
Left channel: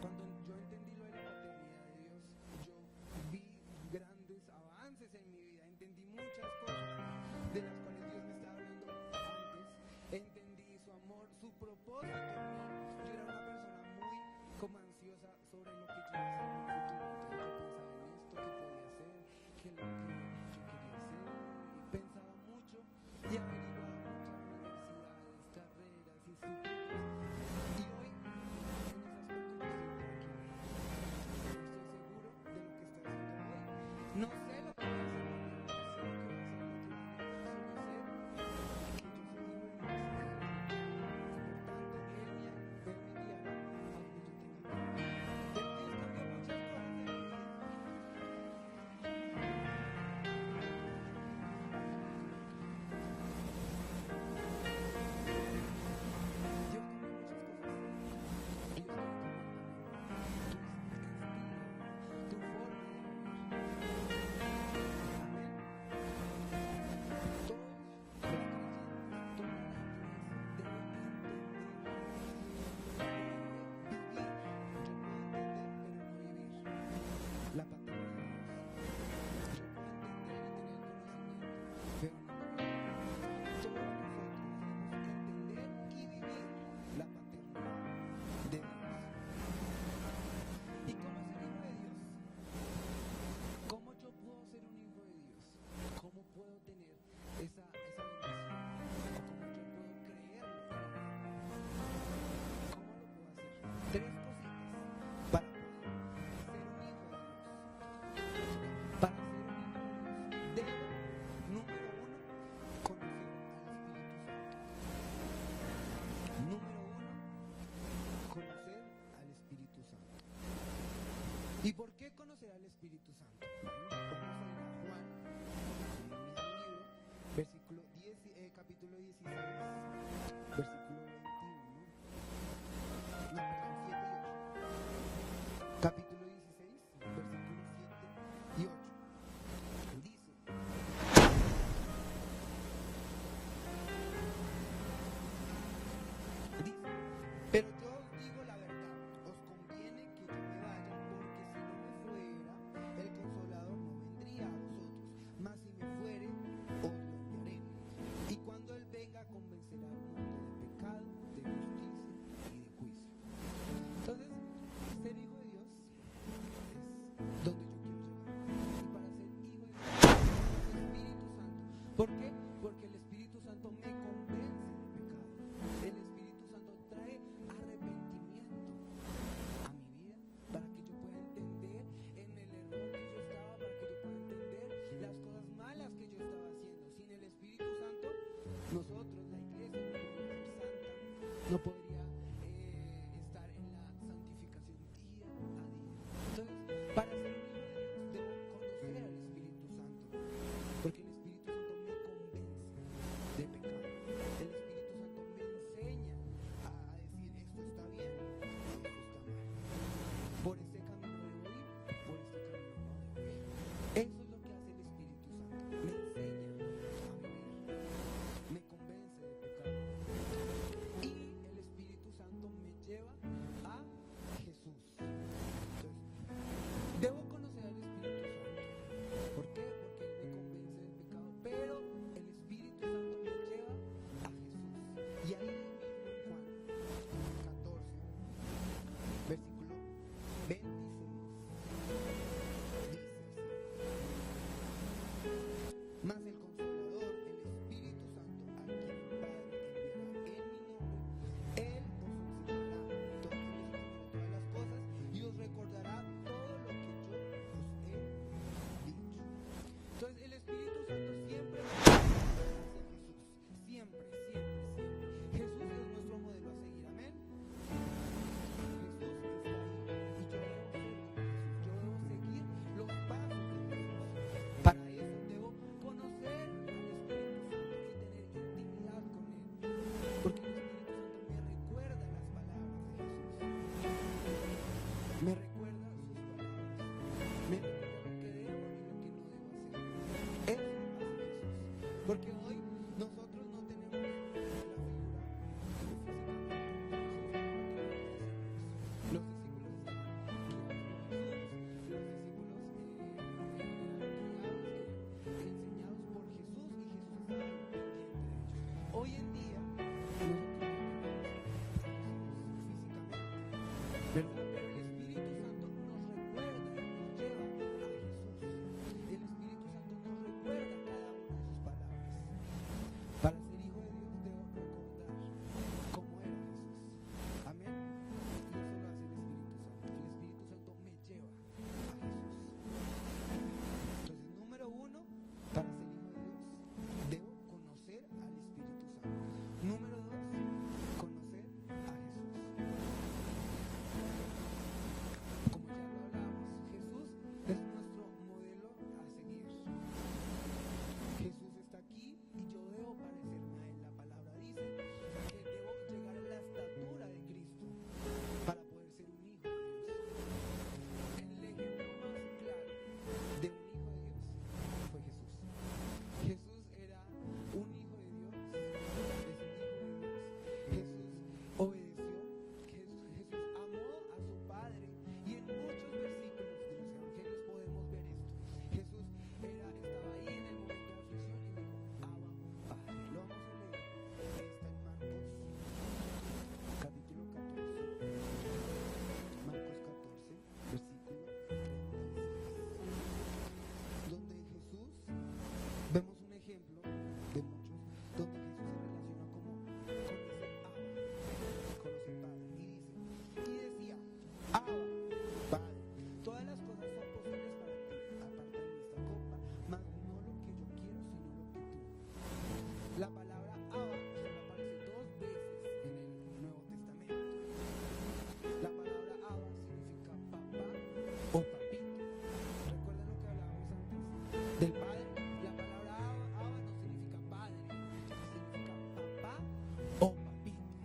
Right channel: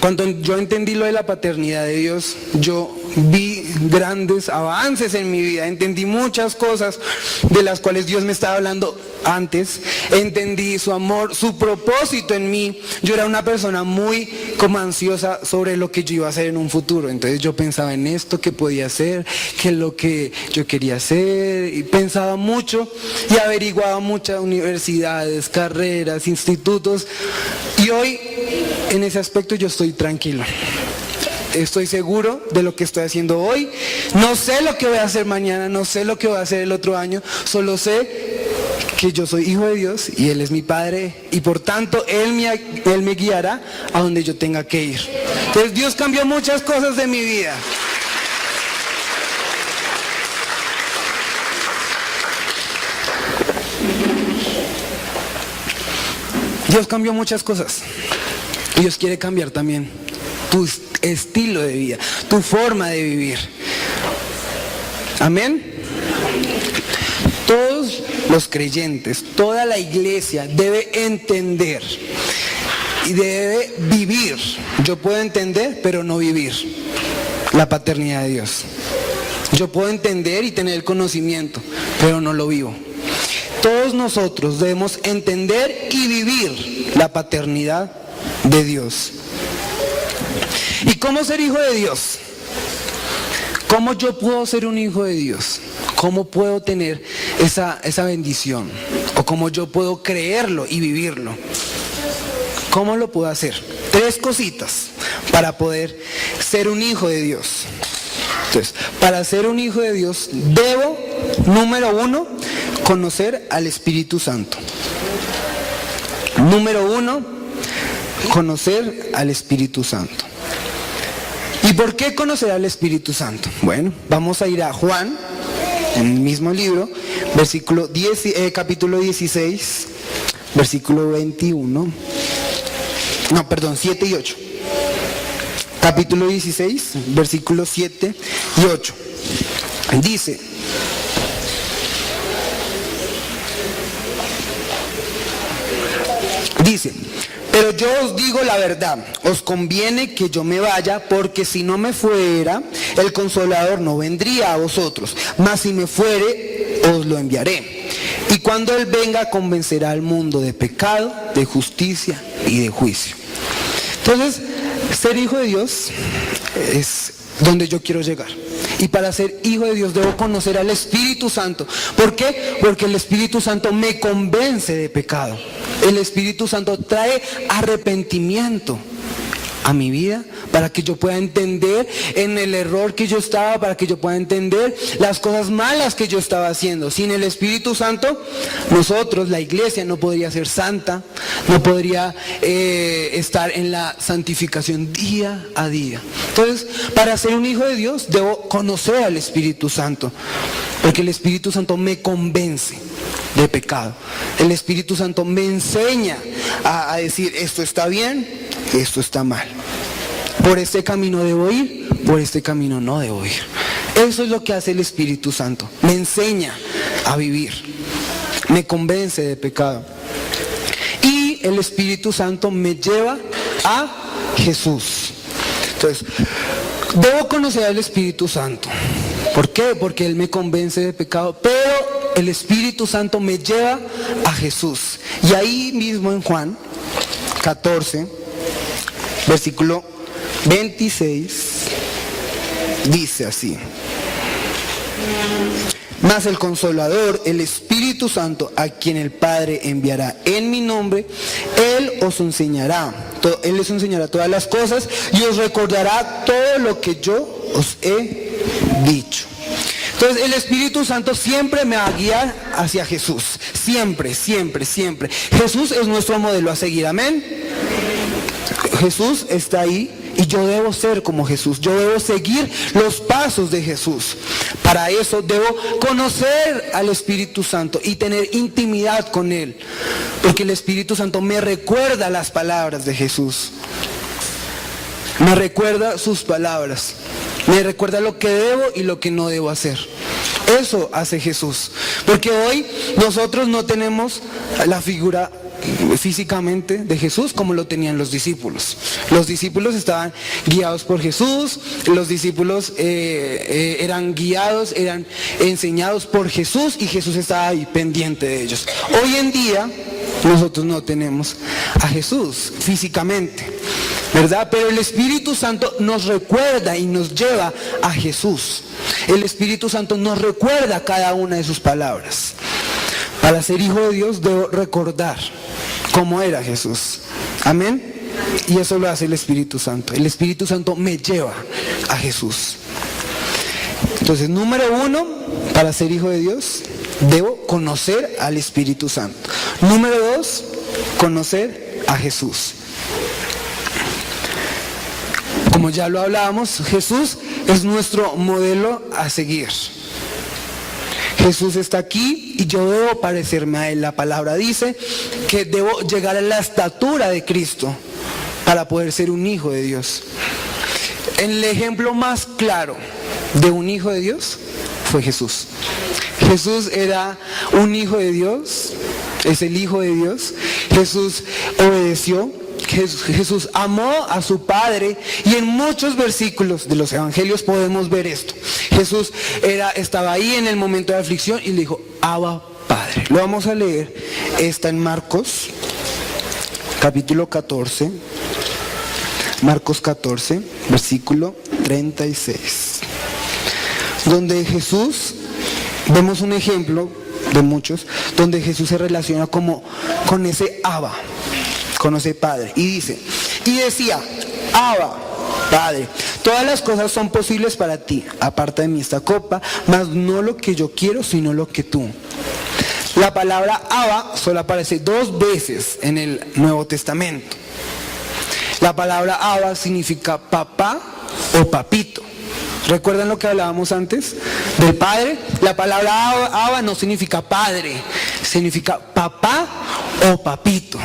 Cuando yo entendí lo de la paternidad de Dios, yo vi grandes avances en mi vida, entendí muchas cosas de las cuales Dios me estaba hablando antes, entendí su amor, su propósito en mí. Yo era una persona muy como ansiosa sobre lo que yo iba a hacer en un futuro, entonces yo pensaba en esto que podía hacer, que lo que yo quería hacer, y pensaba mucho y averiguaba muchas universidades, carreras, institutos, y hoy en ese aspecto yo estoy tranquilo. Estoy seguro de lo que estoy haciendo hoy. No sé lo que voy a hacer mañana, no sé lo que voy a hacer el otro año, solo sé que yo soy hijo de Dios y Él es mi Padre, y por tanto Él me guiará a donde yo tenga que ir. Entonces Dios cambió muchas cosas de mi vida. Dios cambió muchas cosas. Y Dios quiere cambiar también tu estilo de vida, tu forma de vivir. Amén. Todos los creyentes, toda la iglesia debe entender y debe vivir. Yo puedo entender, pero no vivir la paternidad de Dios. Yo puedo entender y tener el conocimiento, pero no lo vivo. Todos nosotros debemos entender y vivir la paternidad de Dios. ¿Y cómo ser hijo de Dios? ¿Cómo yo puedo ser un hijo de Dios? ¿Cómo puedo tener esa bendición? ¿O cómo yo puedo creerlo y vivirlo? ¿Cómo lo puedo hacer? 3 cositas para poder ser un hijo de Dios. Entonces, para ser un hijo de Dios debo, número 1, conocer al Espíritu Santo. Número 1, conocer al Espíritu Santo. ¿Y por qué conocer al Espíritu Santo? Bueno, vamos a ir a Juan, en el mismo libro, capítulo 16, versículo 21. No, perdón, 7 y 8. Capítulo 16, versículos 7 y 8. Dice: pero yo os digo la verdad, os conviene que yo me vaya, porque si no me fuera, el Consolador no vendría a vosotros, mas si me fuere, os lo enviaré. Y cuando Él venga, convencerá al mundo de pecado, de justicia y de juicio. Entonces, ser hijo de Dios es donde yo quiero llegar. Y para ser hijo de Dios debo conocer al Espíritu Santo. ¿Por qué? Porque el Espíritu Santo me convence de pecado. El Espíritu Santo trae arrepentimiento a mi vida para que yo pueda entender en el error que yo estaba, para que yo pueda entender las cosas malas que yo estaba haciendo. Sin el Espíritu Santo, nosotros, la iglesia, no podría ser santa, no podría estar en la santificación día a día. Entonces, para ser un hijo de Dios, debo conocer al Espíritu Santo, porque el Espíritu Santo me convence de pecado. El Espíritu Santo me enseña a decir: esto está bien, esto está mal. Por este camino debo ir, por este camino no debo ir. Eso es lo que hace el Espíritu Santo. Me enseña a vivir, me convence de pecado. Y el Espíritu Santo me lleva a Jesús. Entonces, debo conocer al Espíritu Santo. ¿Por qué? Porque Él me convence de pecado, pero el Espíritu Santo me lleva a Jesús. Y ahí mismo en Juan 14, versículo 26, dice así: mas el Consolador, el Espíritu Santo, a quien el Padre enviará en mi nombre, Él os enseñará todas las cosas y os recordará todo lo que yo os he dicho. Entonces el Espíritu Santo siempre me va a guiar hacia Jesús. Siempre, siempre, siempre. Jesús es nuestro modelo a seguir, amén. Jesús está ahí y yo debo ser como Jesús. Yo debo seguir los pasos de Jesús. Para eso debo conocer al Espíritu Santo y tener intimidad con Él. Porque el Espíritu Santo me recuerda las palabras de Jesús. Me recuerda sus palabras. Me recuerda lo que debo y lo que no debo hacer. Eso hace Jesús. Porque hoy nosotros no tenemos la figura físicamente de Jesús como lo tenían los discípulos. Los discípulos estaban guiados por Jesús, los discípulos eran guiados, eran enseñados por Jesús y Jesús estaba ahí pendiente de ellos. Hoy en día nosotros no tenemos a Jesús físicamente, ¿verdad? Pero el Espíritu Santo nos recuerda y nos lleva a Jesús. El Espíritu Santo nos recuerda cada una de sus palabras. Para ser hijo de Dios debo recordar cómo era Jesús. Amén. Y eso lo hace el Espíritu Santo. El Espíritu Santo me lleva a Jesús. Entonces, número 1, para ser hijo de Dios, debo conocer al Espíritu Santo. Número 2, conocer a Jesús. Como ya lo hablábamos, Jesús es nuestro modelo a seguir. Jesús está aquí y yo debo parecerme a Él. La palabra dice que debo llegar a la estatura de Cristo para poder ser un hijo de Dios. El ejemplo más claro de un hijo de Dios fue Jesús. Jesús era un hijo de Dios, es el hijo de Dios. Jesús obedeció. Jesús amó a su Padre y en muchos versículos de los evangelios podemos ver esto. Jesús estaba ahí en el momento de aflicción y le dijo, Abba, Padre. Lo vamos a leer, está en Marcos, capítulo 14, Marcos 14, versículo 36, donde Jesús, vemos un ejemplo de muchos, donde Jesús se relaciona como con ese Abba, con ese Padre, y dice, y decía, Abba, Padre, todas las cosas son posibles para ti, aparta de mí esta copa, mas no lo que yo quiero, sino lo que tú. La palabra Abba solo aparece 2 veces en el Nuevo Testamento. La palabra Abba significa papá o papito. ¿Recuerdan lo que hablábamos antes del Padre? La palabra Abba no significa padre, significa papá o papito.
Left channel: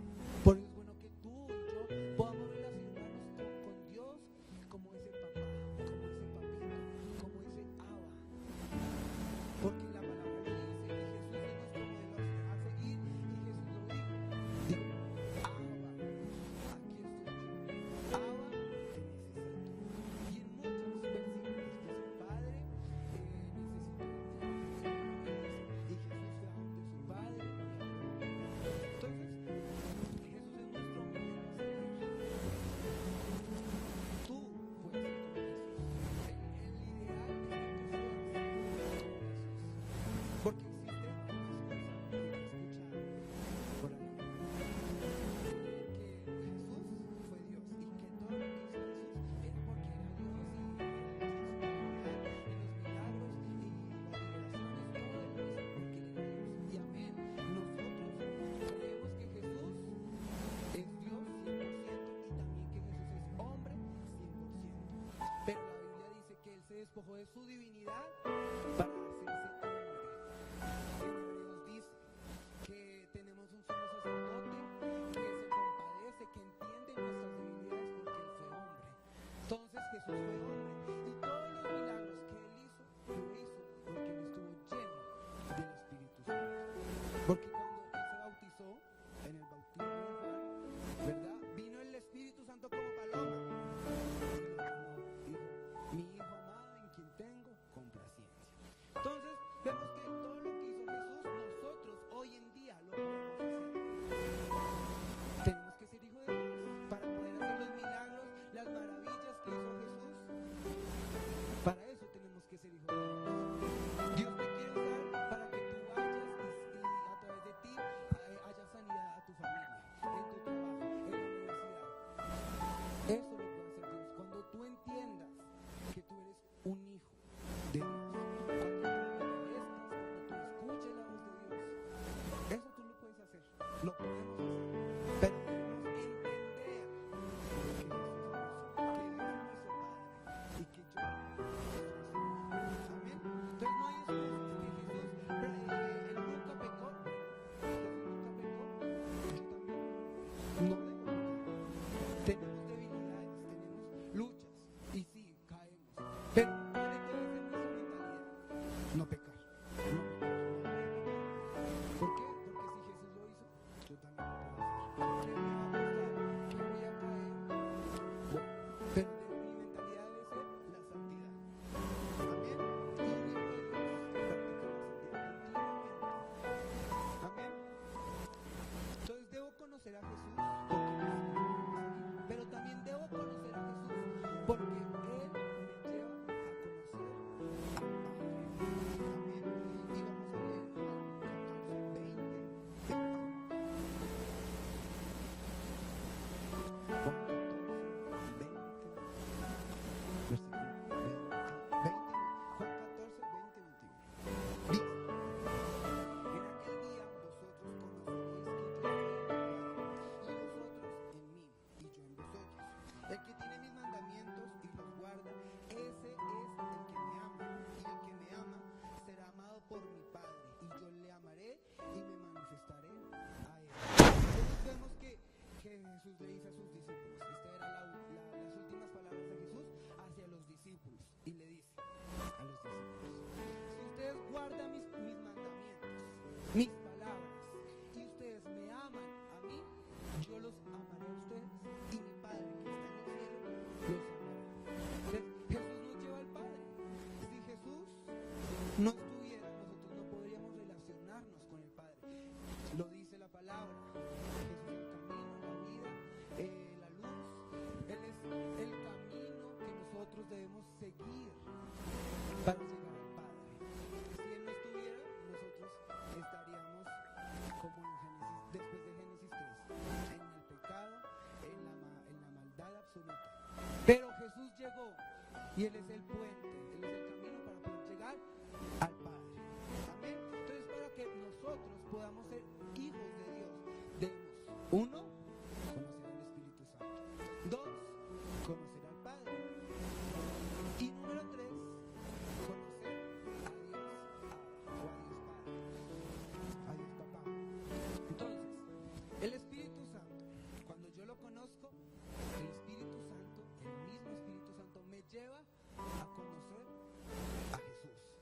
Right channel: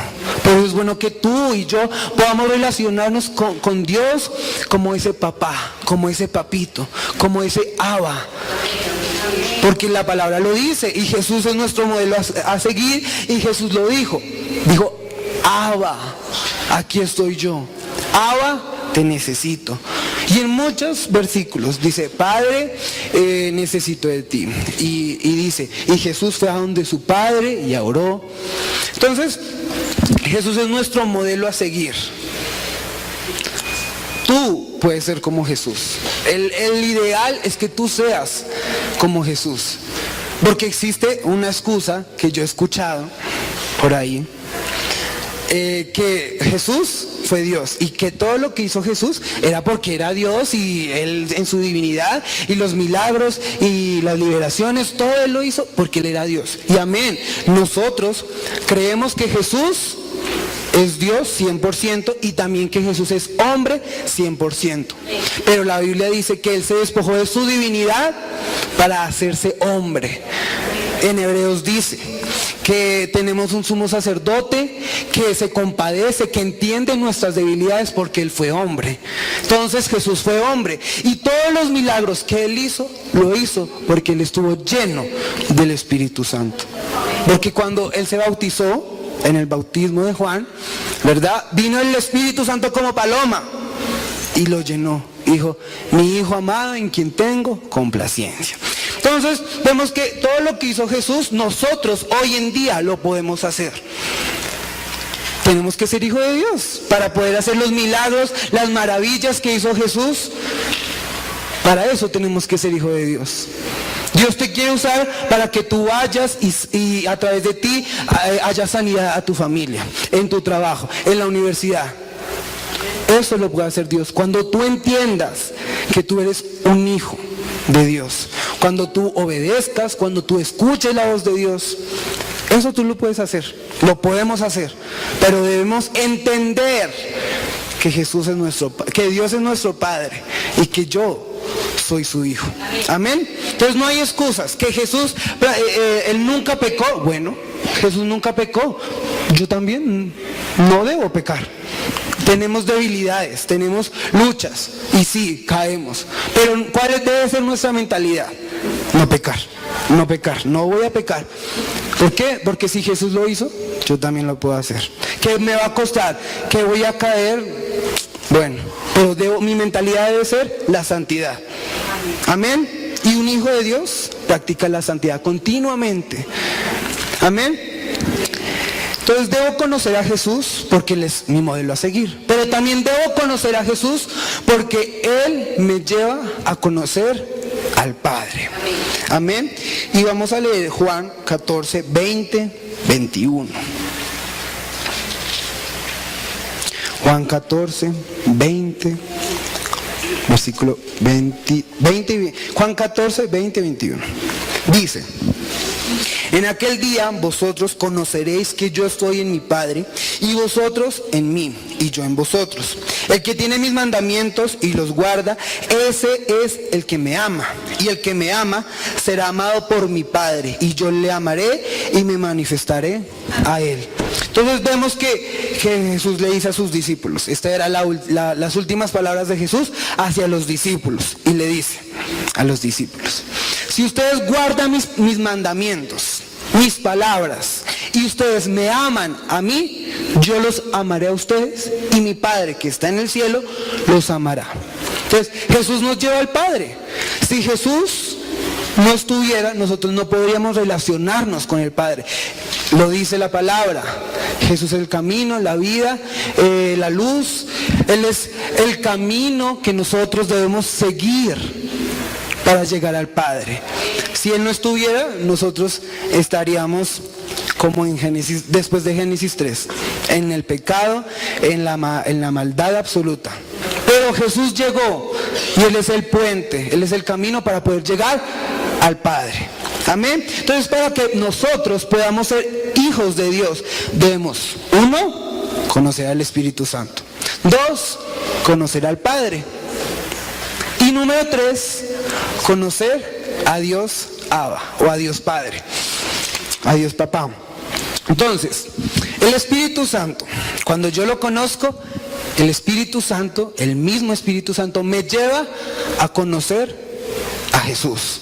Por eso es bueno que tú y yo podamos relacionarnos con Dios como ese papá, como ese papito, como ese Abba. Porque la palabra lo dice y Jesús es nuestro modelo a seguir y Jesús lo dijo. Dijo, Abba, aquí estoy yo. Abba, te necesito. Y en muchos versículos dice, Padre, necesito de ti. Y dice, y Jesús fue a donde su Padre y oró. Entonces, Jesús es nuestro modelo a seguir. Tú puedes ser como Jesús. El ideal es que tú seas como Jesús. Porque existe una excusa que yo he escuchado por ahí, que Jesús fue Dios y que todo lo que hizo Jesús era porque era Dios y Él en su divinidad y los milagros y las liberaciones, todo Él lo hizo porque Él era Dios. Y amén, nosotros creemos que Jesús es Dios 100% y también que Jesús es hombre 100%. Pero la Biblia dice que Él se despojó de su divinidad para hacerse hombre. En Hebreos dice que tenemos un sumo sacerdote que se compadece, que entiende nuestras debilidades porque Él fue hombre. Entonces Jesús fue hombre y todos los milagros que Él hizo, lo hizo porque Él estuvo lleno del Espíritu Santo. Porque cuando Él se bautizó, en el bautismo de Juan, ¿verdad? Vino el Espíritu Santo como paloma y lo llenó. Dijo, mi Hijo amado en quien tengo complacencia. Entonces vemos que todo lo que hizo Jesús, nosotros hoy en día lo podemos hacer. Tenemos que ser hijos de Dios para poder hacer los milagros, las maravillas que hizo Jesús. Para eso tenemos que ser hijos de Dios. Dios te quiere usar para que tú vayas y a través de ti haya sanidad a tu familia, en tu trabajo, en la universidad. Eso lo puede hacer Dios. Cuando tú entiendas que tú eres un hijo de Dios, cuando tú obedezcas, cuando tú escuches la voz de Dios, eso tú lo puedes hacer, lo podemos hacer, pero debemos entender que que Dios es nuestro Padre y que yo soy su hijo. Amén. Entonces no hay excusas. Que Jesús, Él nunca pecó. Bueno, Jesús nunca pecó. Yo también no debo pecar. Tenemos debilidades, tenemos luchas y sí, caemos. Pero ¿cuál debe ser nuestra mentalidad? No pecar. no pecar, no voy a pecar. ¿Por qué? Porque si Jesús lo hizo, yo también lo puedo hacer. ¿Qué me va a costar? ¿Que voy a caer? Bueno, pero mi mentalidad debe ser la santidad. Amén. Y un hijo de Dios practica la santidad continuamente. Amén. Entonces debo conocer a Jesús porque Él es mi modelo a seguir. Pero también debo conocer a Jesús porque Él me lleva a conocer al Padre. Amén. Y vamos a leer Juan 14, 20, 21. Juan 14, 20, versículo 20, Juan 14, 20, 21. Dice: en aquel día vosotros conoceréis que yo estoy en mi Padre, y vosotros en mí, y yo en vosotros. El que tiene mis mandamientos y los guarda, ese es el que me ama. Y el que me ama será amado por mi Padre, y yo le amaré y me manifestaré a él. Entonces vemos que Jesús le dice a sus discípulos, estas eran las últimas palabras de Jesús hacia los discípulos, y le dice a los discípulos: si ustedes guardan mis mandamientos, mis palabras, y ustedes me aman a mí, yo los amaré a ustedes, y mi Padre que está en el cielo los amará. Entonces Jesús nos lleva al Padre. Si Jesús no estuviera, nosotros no podríamos relacionarnos con el Padre. Lo dice la palabra. Jesús es el camino, la vida, la luz. Él es el camino que nosotros debemos seguir para llegar al Padre. Si Él no estuviera, nosotros estaríamos como en Génesis, después de Génesis 3, en el pecado, en la maldad absoluta. Pero Jesús llegó y Él es el puente, Él es el camino para poder llegar al Padre. Amén. Entonces, para que nosotros podamos ser hijos de Dios, debemos, 1, conocer al Espíritu Santo. 2, conocer al Padre. Y número 3, conocer a Dios Abba, o a Dios Padre, a Dios Papá. Entonces, el Espíritu Santo, cuando yo lo conozco, el Espíritu Santo, el mismo Espíritu Santo, me lleva a conocer a Jesús.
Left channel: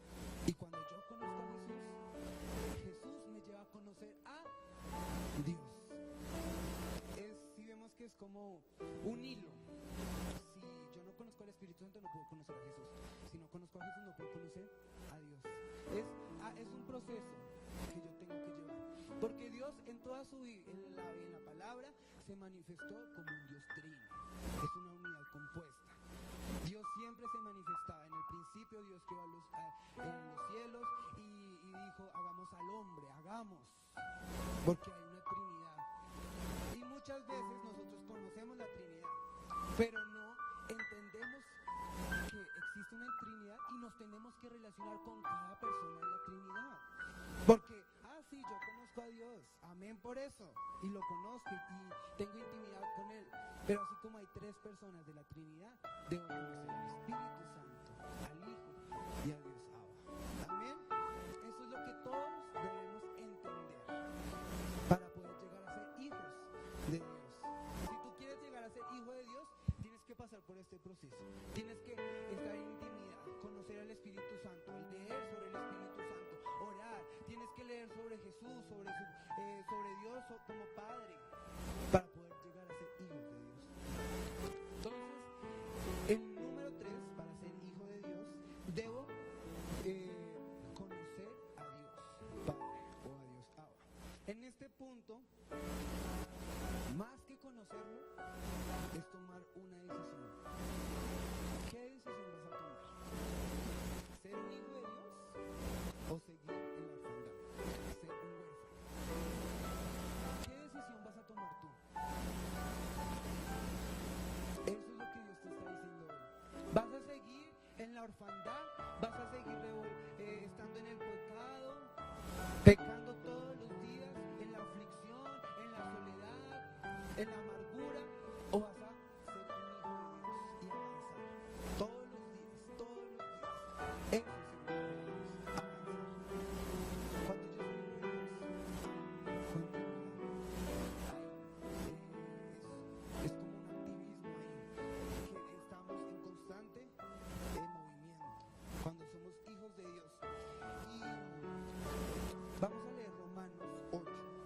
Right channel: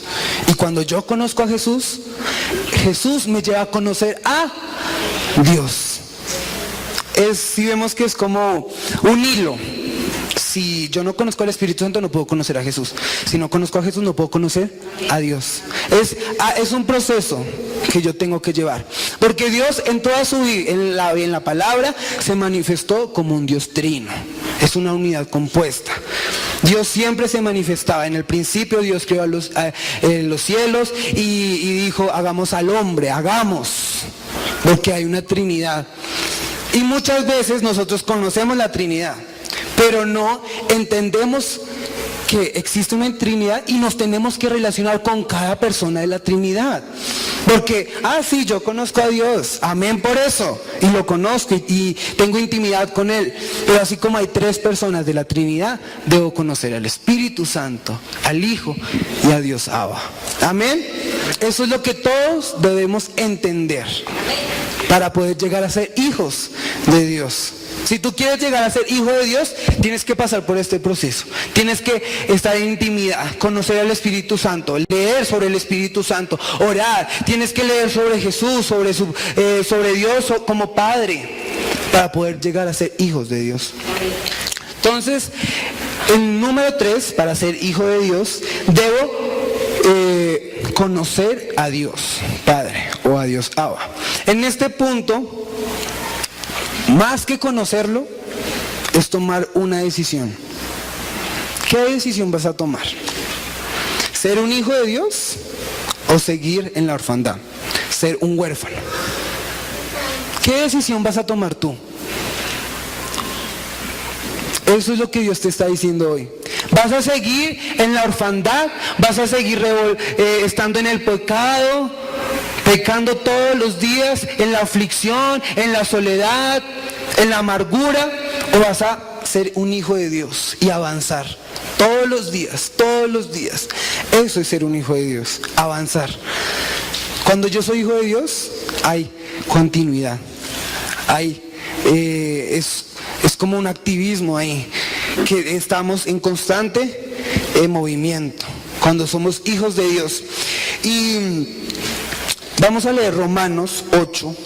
Y cuando yo conozco a Jesús, Jesús me lleva a conocer a Dios. Si vemos que es como un hilo. Si yo no conozco al Espíritu Santo, no puedo conocer a Jesús. Si no conozco a Jesús, no puedo conocer a Dios. Es un proceso que yo tengo que llevar. Porque Dios en toda su vida, en la palabra, se manifestó como un Dios trino. Es una unidad compuesta. Dios siempre se manifestaba. En el principio Dios creó los cielos y dijo: hagamos al hombre, hagamos. Porque hay una Trinidad. Y muchas veces nosotros conocemos la Trinidad, pero no entendemos que existe una Trinidad y nos tenemos que relacionar con cada persona de la Trinidad. Porque, sí, yo conozco a Dios, amén por eso, y lo conozco y tengo intimidad con Él. Pero así como hay 3 personas de la Trinidad, debo conocer al Espíritu Santo, al Hijo y a Dios Abba. Amén. Eso es lo que todos debemos entender para poder llegar a ser hijos de Dios. Si tú quieres llegar a ser hijo de Dios, tienes que pasar por este proceso. Tienes que estar en intimidad, conocer al Espíritu Santo, leer sobre el Espíritu Santo, orar. Tienes que leer sobre Jesús, sobre Dios como Padre, para poder llegar a ser hijos de Dios. Entonces, el número 3, para ser hijo de Dios, debo conocer a Dios Padre o a Dios Abba. En este punto, más que conocerlo, es tomar una decisión. ¿Qué decisión vas a tomar? ¿Ser un hijo de Dios o seguir en la orfandad? ¿Ser un huérfano? ¿Qué decisión vas a tomar tú? Eso es lo que Dios te está diciendo hoy. ¿Vas a seguir en la orfandad? ¿Vas a seguir estando en el pecado? Pecando todos los días, en la aflicción, en la soledad, en la amargura, o vas a ser un hijo de Dios y avanzar todos los días, todos los días. Eso es ser un hijo de Dios, avanzar. Cuando yo soy hijo de Dios, hay continuidad, es como un activismo ahí, que estamos en constante movimiento. Cuando somos hijos de Dios. Y vamos a leer Romanos 8.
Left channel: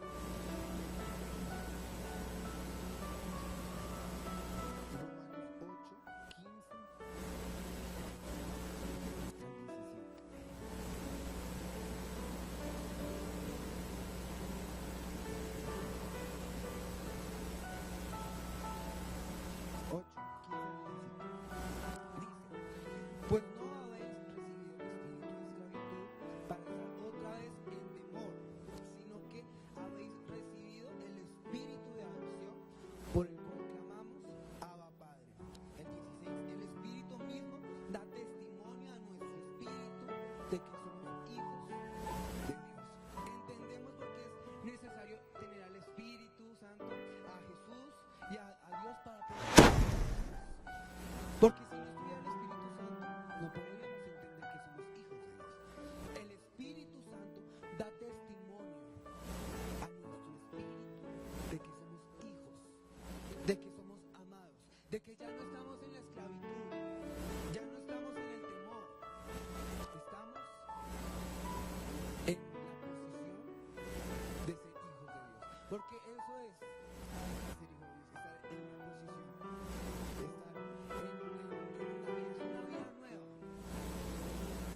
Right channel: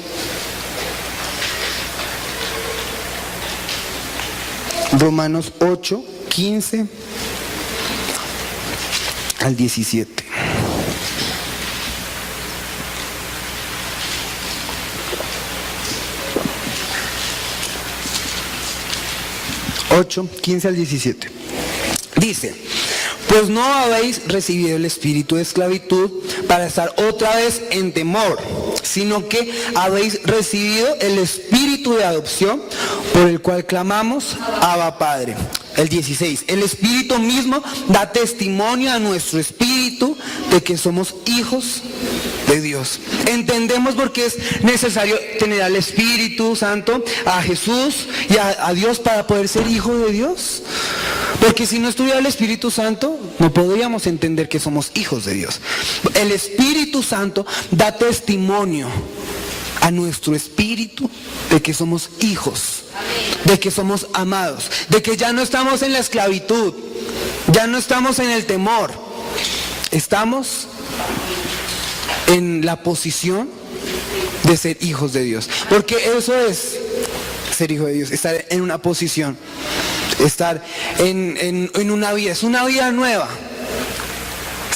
Romanos 8, 15 al 17. Ocho, 15 al 17. Dice: pues no habéis recibido el espíritu de esclavitud para estar otra vez en temor, sino que habéis recibido el espíritu de adopción, por el cual clamamos, Abba Padre. El 16, el Espíritu mismo da testimonio a nuestro espíritu de que somos hijos de Dios. Entendemos por qué es necesario tener al Espíritu Santo, a Jesús y a Dios para poder ser hijo de Dios. Porque si no estuviera el Espíritu Santo, no podríamos entender que somos hijos de Dios. El Espíritu Santo da testimonio a nuestro espíritu de que somos hijos, de que somos amados, de que ya no estamos en la esclavitud, ya no estamos en el temor, estamos en la posición de ser hijos de Dios. Porque eso es ser hijo de Dios, estar en una posición, estar en una vida, es una vida nueva.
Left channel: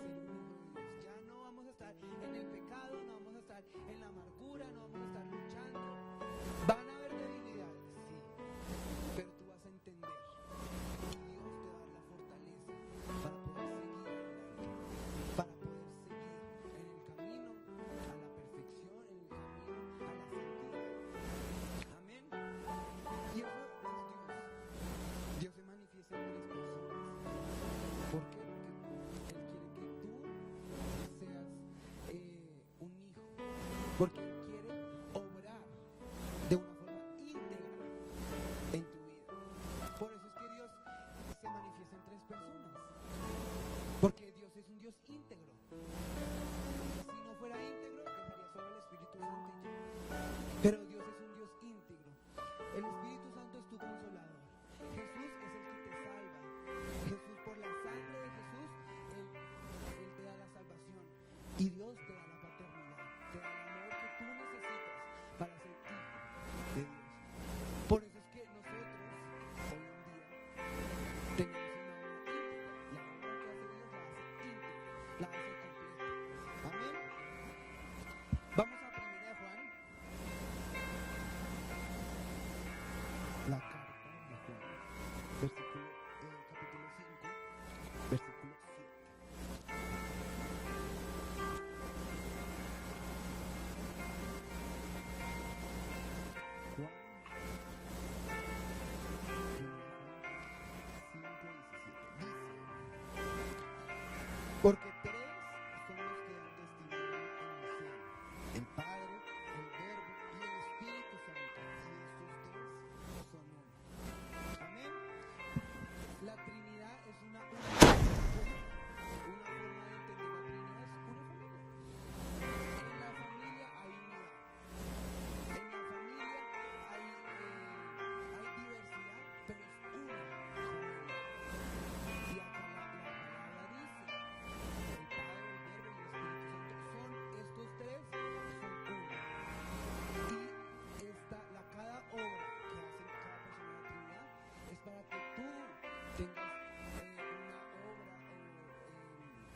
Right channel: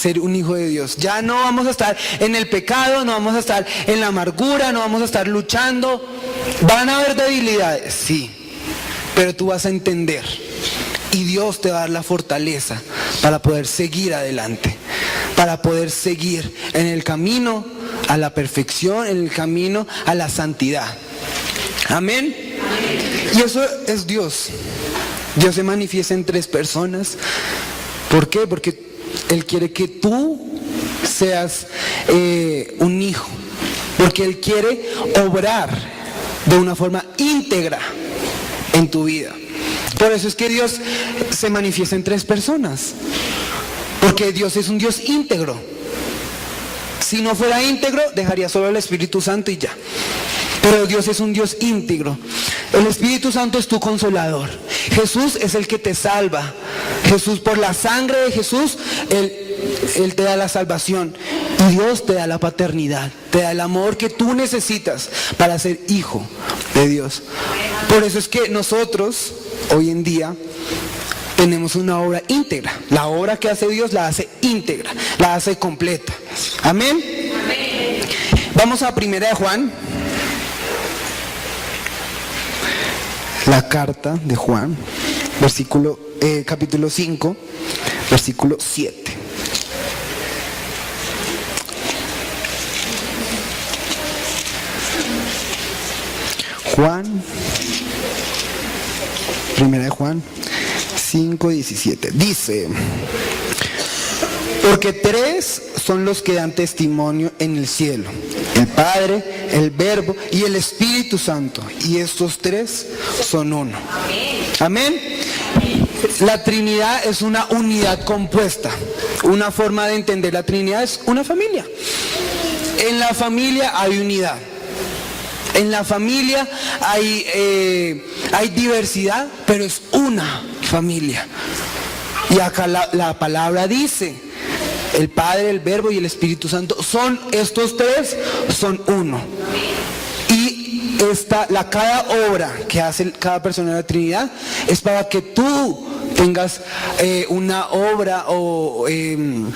Ser un hijo de Dios. Ya no vamos a estar en el pecado, no vamos a estar en la amargura, no vamos a estar luchando. Van a haber debilidades, sí, pero tú vas a entender y Dios te va a dar la fortaleza para poder seguir adelante, para poder seguir en el camino a la perfección, en el camino a la santidad. Amén. Y eso es Dios. Dios se manifiesta en tres personas. ¿Por qué? Porque Él quiere que tú seas un hijo, porque Él quiere obrar de una forma íntegra en tu vida. Por eso es que Dios se manifiesta en tres personas, porque Dios es un Dios íntegro. Si no fuera íntegro, dejaría solo el Espíritu Santo y ya. Pero Dios es un Dios íntegro. El Espíritu Santo es tu consolador. Jesús es el que te salva. Jesús, por la sangre de Jesús, Él te da la salvación. Y Dios te da la paternidad, te da el amor que tú necesitas para ser hijo de Dios. Por eso es que nosotros, hoy en día, tenemos una obra íntegra. La obra que hace Dios la hace íntegra, la hace completa. Amén. Vamos a 1 de Juan. La carta de Juan, capítulo 5, versículo 7. Juan, 1 de Juan 5, 17. Dice: porque tres son los que dan testimonio en el cielo: el Padre, el Verbo y el Espíritu Santo. Y estos tres son uno. Amén. La Trinidad es una unidad compuesta. Una forma de entender la Trinidad es una familia. En la familia hay unidad. En la familia hay diversidad, pero es una familia. Y acá la palabra dice: el Padre, el Verbo y el Espíritu Santo. Estos tres son uno. Y cada obra que hace cada persona de la Trinidad es para que tú tengas una obra una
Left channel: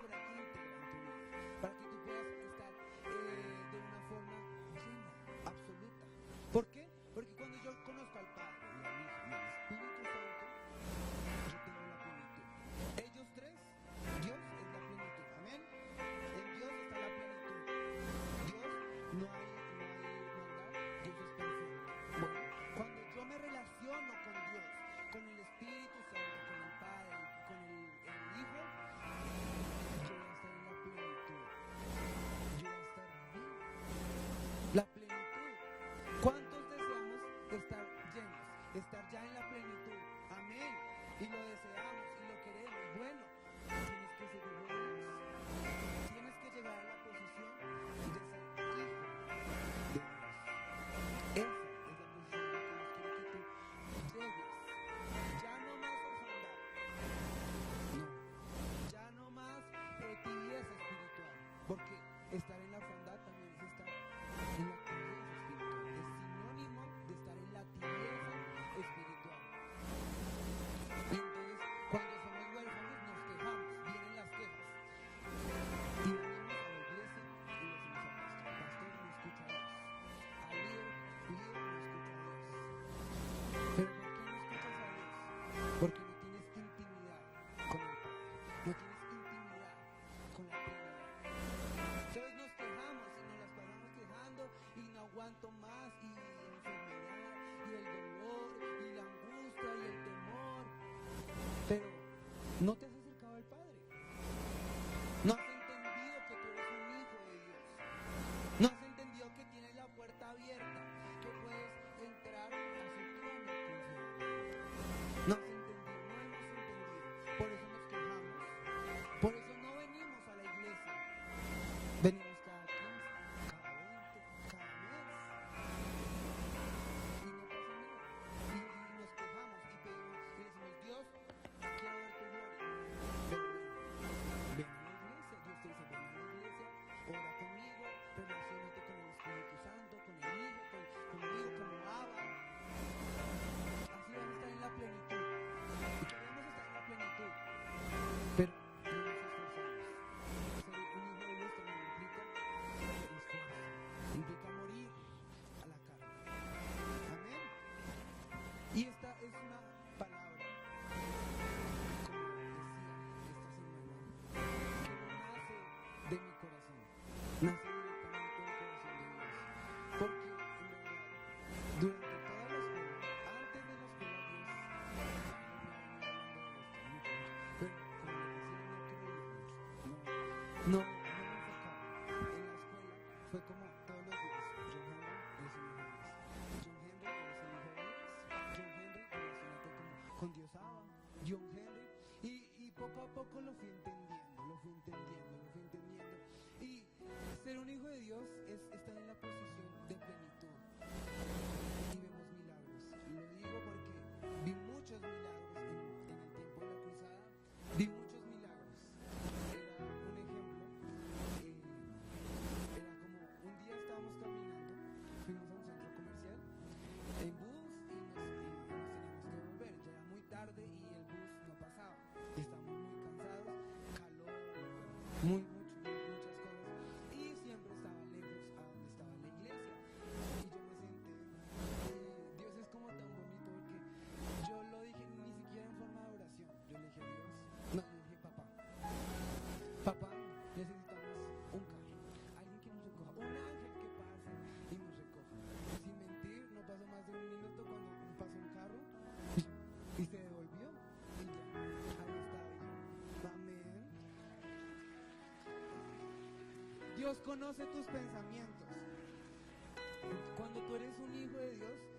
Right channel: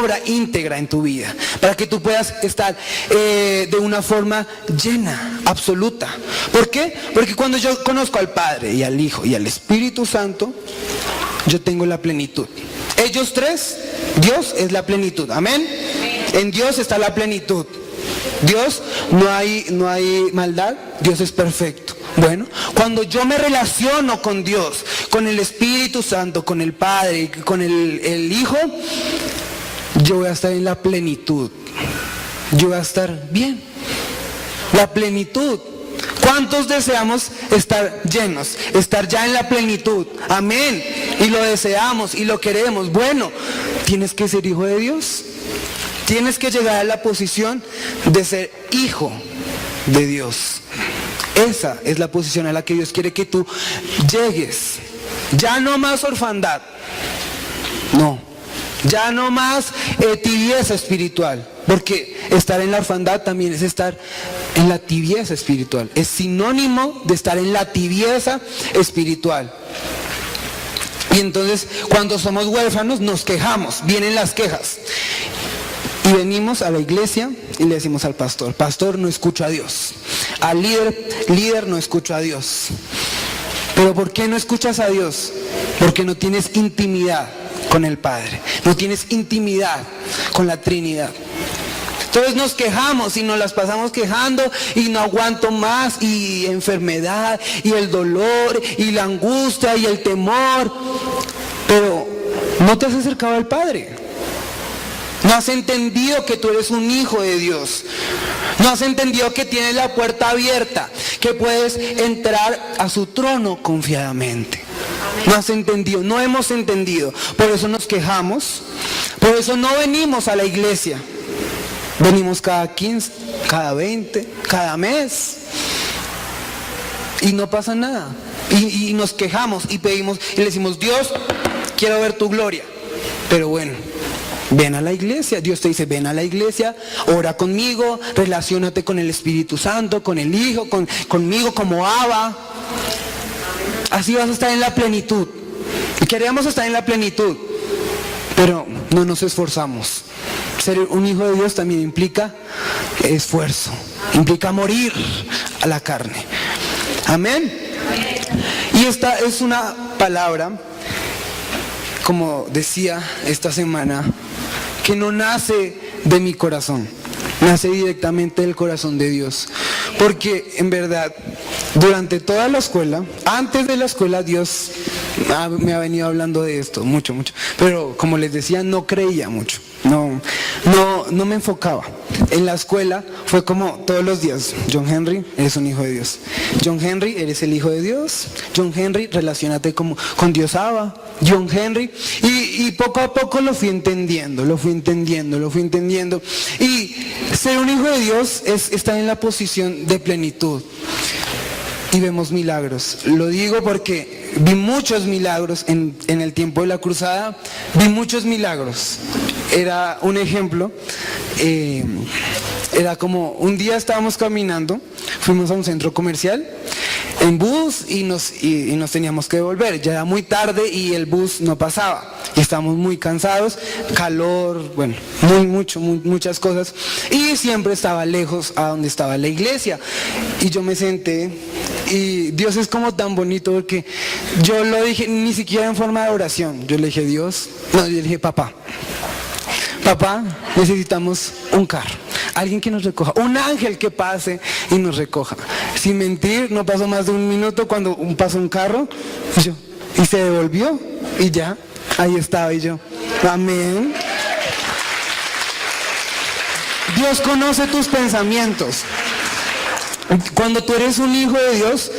obra íntegra en tu vida, para que tú puedas estar de una forma llena, absoluta. ¿Por qué? Porque cuando yo conozco al Padre y al Hijo y al Espíritu Santo, yo tengo la plenitud. Ellos tres, Dios es la plenitud. Amén. En Dios está la plenitud. Dios, no hay maldad. Dios es perfecto. Bueno, cuando yo me relaciono con Dios, con el Espíritu Santo, con el Padre, con el Hijo, yo voy a estar en la plenitud. Yo voy a estar bien. La plenitud. ¿Cuántos deseamos estar llenos? Estar ya en la plenitud. Amén. Y lo deseamos y lo queremos. Bueno, tienes que ser hijo de Dios. Tienes que llegar a la posición de ser hijo de Dios. Esa es la posición a la que Dios quiere que tú llegues. Ya no más orfandad. No. Ya no más tibieza espiritual, porque estar en la orfandad también es estar en la tibieza espiritual. Es sinónimo de estar en la tibieza espiritual. Y entonces cuando somos huérfanos nos quejamos, vienen las quejas. Y venimos a la iglesia y le decimos al pastor, pastor, no escucho a Dios. Al líder, no escucho a Dios. Pero ¿por qué no escuchas a Dios? Porque no tienes intimidad con el Padre, no tienes intimidad con la Trinidad. Entonces nos quejamos y nos las pasamos quejando y no aguanto más, y enfermedad y el dolor y la angustia y el temor. Pero no te has acercado al Padre. No has entendido que tú eres un hijo de Dios. No has entendido que tienes la puerta abierta, que puedes entrar a su trono confiadamente. No has entendido, no hemos entendido. Por eso nos quejamos, por eso no venimos a la iglesia. Venimos cada 15, cada 20, cada mes. Y no pasa nada. Y nos quejamos y pedimos y le decimos, Dios, quiero ver tu gloria. Pero bueno, ven a la iglesia. Dios te dice, ven a la iglesia, ora conmigo, relaciónate con el Espíritu Santo, con el Hijo, conmigo como Abba. Así vas a estar en la plenitud. Y queríamos estar en la plenitud, pero no nos esforzamos. Ser un hijo de Dios también implica esfuerzo, implica morir a la carne. Amén. Y esta es una palabra, como decía esta semana, que no nace de mi corazón, nace directamente del corazón de Dios. Porque en verdad, durante toda la escuela, antes de la escuela, Dios me ha venido hablando de esto, mucho. Pero como les decía, no creía mucho. No me enfocaba. En la escuela fue como todos los días, John Henry, eres un hijo de Dios. John Henry, eres el hijo de Dios. John Henry, relaciónate con Dios Abba. John Henry. Y poco a poco lo fui entendiendo. Y ser un hijo de Dios es estar en la posición de plenitud. Y vemos milagros. Lo digo porque vi muchos milagros en el tiempo de la cruzada. Vi muchos milagros. Era un ejemplo. Era como un día estábamos caminando, fuimos a un centro comercial en bus y nos teníamos que devolver. Ya era muy tarde y el bus no pasaba. Y estábamos muy cansados, calor, bueno, muchas cosas. Y siempre estaba lejos a donde estaba la iglesia. Y yo me senté y Dios es como tan bonito porque yo lo dije ni siquiera en forma de oración. Yo le dije, Dios, no, yo le dije, papá, necesitamos un carro, alguien que nos recoja, un ángel que pase y nos recoja. Sin mentir, no pasó más de un minuto cuando pasó un carro y se devolvió y ya, ahí estaba y yo, amén. Dios conoce tus pensamientos. Cuando tú eres un hijo de Dios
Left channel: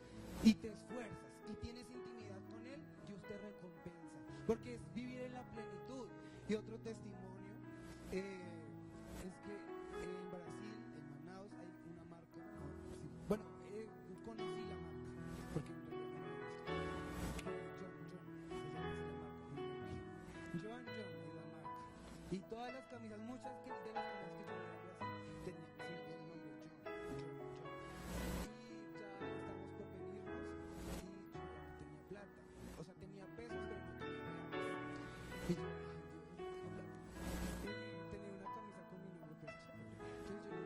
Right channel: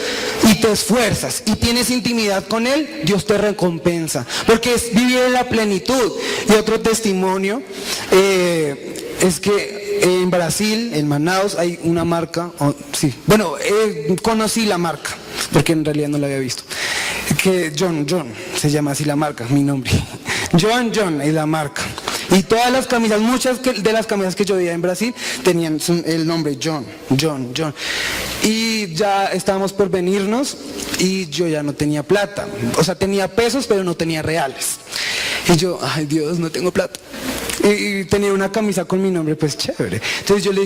y te esfuerzas y tienes intimidad con Él, Dios te recompensa, porque es vivir en la plenitud. Y otro testimonio es que en Brasil, en Manaus, hay una marca, conocí la marca, porque en realidad no la había visto, que John, se llama así la marca, mi nombre, John es la marca. Y todas las camisas, muchas de las camisas que yo veía en Brasil tenían el nombre John. Y ya estábamos por venirnos y yo ya no tenía plata. O sea, tenía pesos pero no tenía reales. Y yo, ay Dios, no tengo plata. Y tenía una camisa con mi nombre, pues chévere. Entonces yo le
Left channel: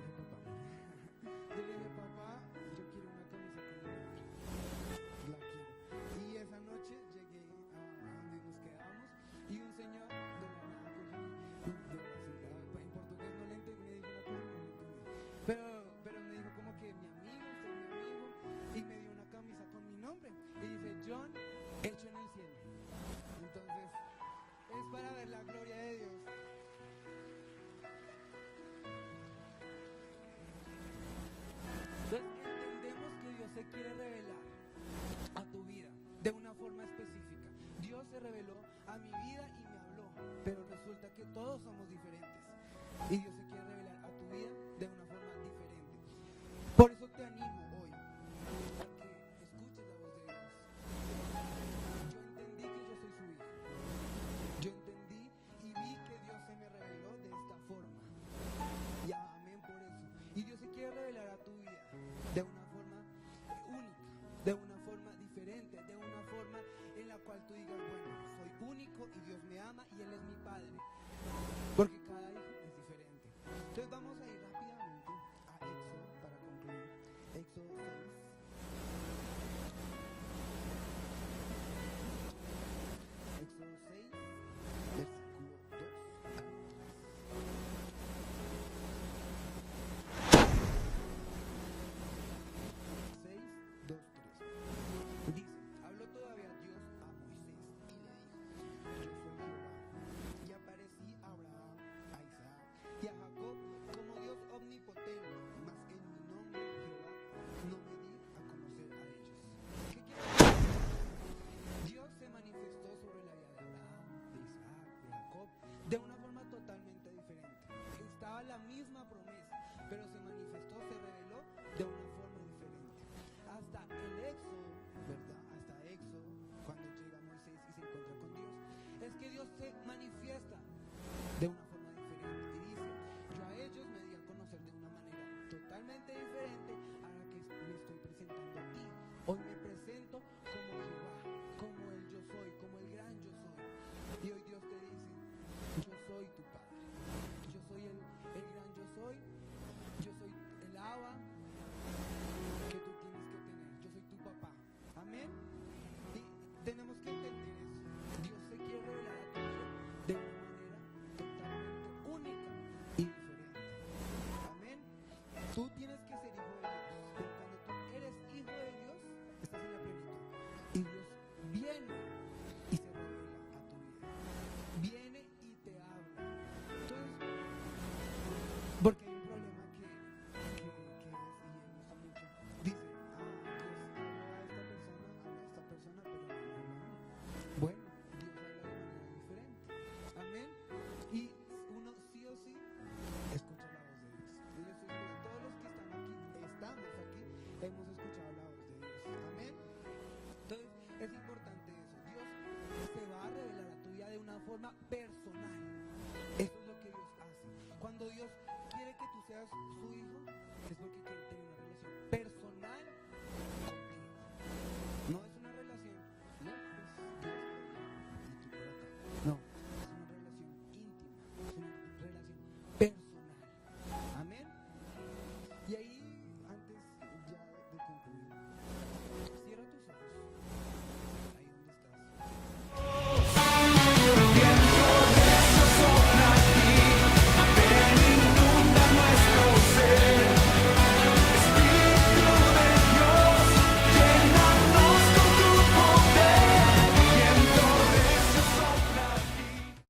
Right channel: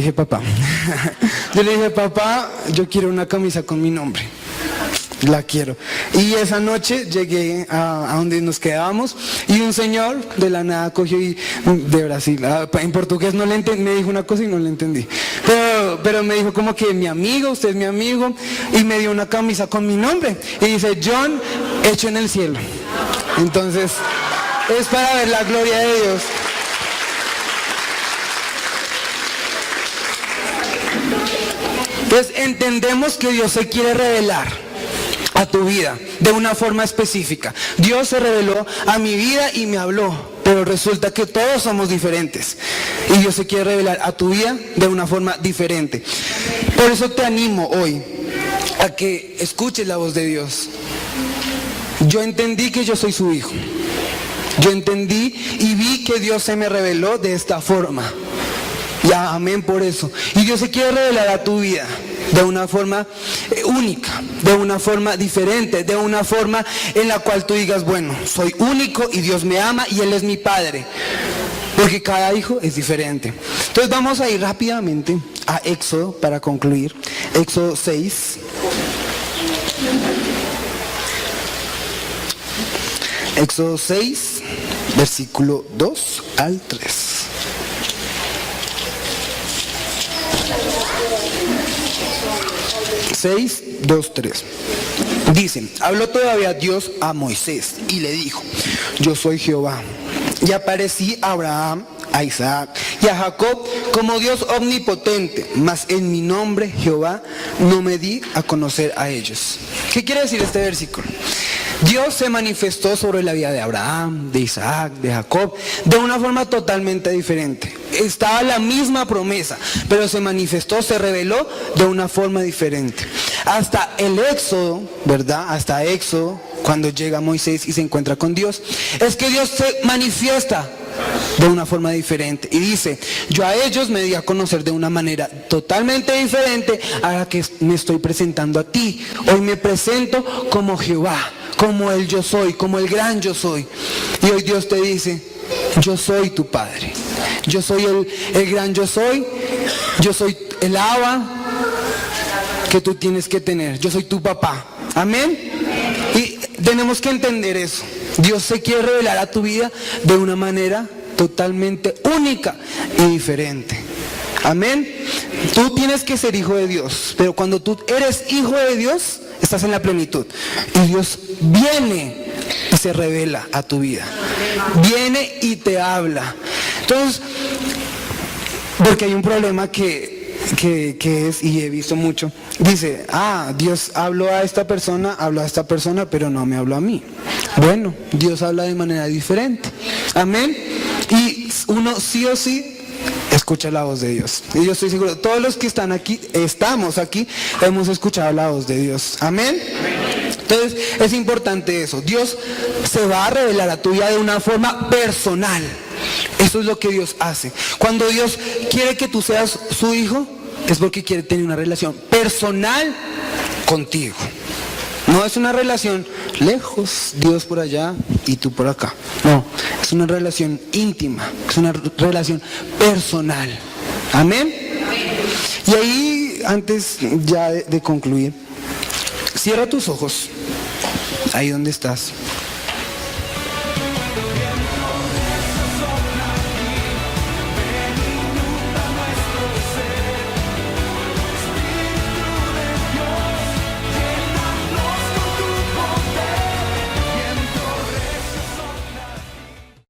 dije, papá, yo quiero una camisa con mi nombre. La quiero. Y esa noche llegué a donde nos quedábamos y un señor de la nada cogió de Brasil, en portugués no le entendí, me dijo una cosa y no le entendí, pero me dijo como que mi amigo, usted es mi amigo, y me dio una camisa con mi nombre y dice John hecho en el cielo. Entonces es para ver la gloria de Dios. Entonces entendemos que Dios se quiere revelar a tu vida de una forma específica. Dios se reveló a mi vida y me habló, pero resulta que todos somos diferentes y Dios se quiere revelar a tu vida de una forma diferente. Por eso te animo hoy a que escuches la voz de Dios. Yo entendí que yo soy su hijo Yo entendí y vi que Dios se me reveló de esta forma. Ya, amén por eso. Y Dios se quiere revelar a tu vida de una forma única, de una forma diferente, de una forma en la cual tú digas, bueno, soy único y Dios me ama y Él es mi Padre. Porque cada hijo es diferente. Entonces vamos a ir rápidamente a Éxodo para concluir. Éxodo 6. Éxodo 6, versículo 2 al 3. Seis, 2, 3. Dice, habló todavía Dios a Moisés y le dijo, yo soy Jehová. Y aparecí a Abraham, a Isaac y a Jacob como Dios omnipotente, mas en mi nombre Jehová no me di a conocer a ellos. ¿Qué quiere decir este versículo? Dios se manifestó sobre la vida de Abraham, de Isaac, de Jacob, de una forma totalmente diferente. Estaba la misma promesa, pero se manifestó, se reveló de una forma diferente. Hasta el Éxodo, ¿verdad? Hasta Éxodo, cuando llega Moisés y se encuentra con Dios, es que Dios se manifiesta de una forma diferente y dice, yo a ellos me di a conocer de una manera totalmente diferente a la que me estoy presentando a ti. Hoy me presento como Jehová, como el yo soy, como el gran yo soy. Y hoy Dios te dice, yo soy tu Padre, yo soy el gran yo soy el Abba que tú tienes que tener, yo soy tu papá. Amén. Y tenemos que entender eso. Dios se quiere revelar a tu vida de una manera totalmente única y diferente. Amén. Tú tienes que ser hijo de Dios, pero cuando tú eres hijo de Dios, estás en la plenitud. Y Dios viene y se revela a tu vida. Viene y te habla. Entonces, porque hay un problema que es, y he visto mucho, dice, Dios habló a esta persona, pero no me habló a mí. Bueno, Dios habla de manera diferente. Amén. Y uno sí o sí escucha la voz de Dios. Y yo estoy seguro, todos los que estamos aquí, hemos escuchado la voz de Dios. Amén. Entonces es importante eso. Dios se va a revelar a tu vida de una forma personal. Eso es lo que Dios hace. Cuando Dios quiere que tú seas su hijo, es porque quiere tener una relación personal contigo. No es una relación lejos, Dios por allá y tú por acá. No, es una relación íntima, es una relación personal. Amén. Y ahí, antes ya de concluir, cierra tus ojos, ahí donde estás.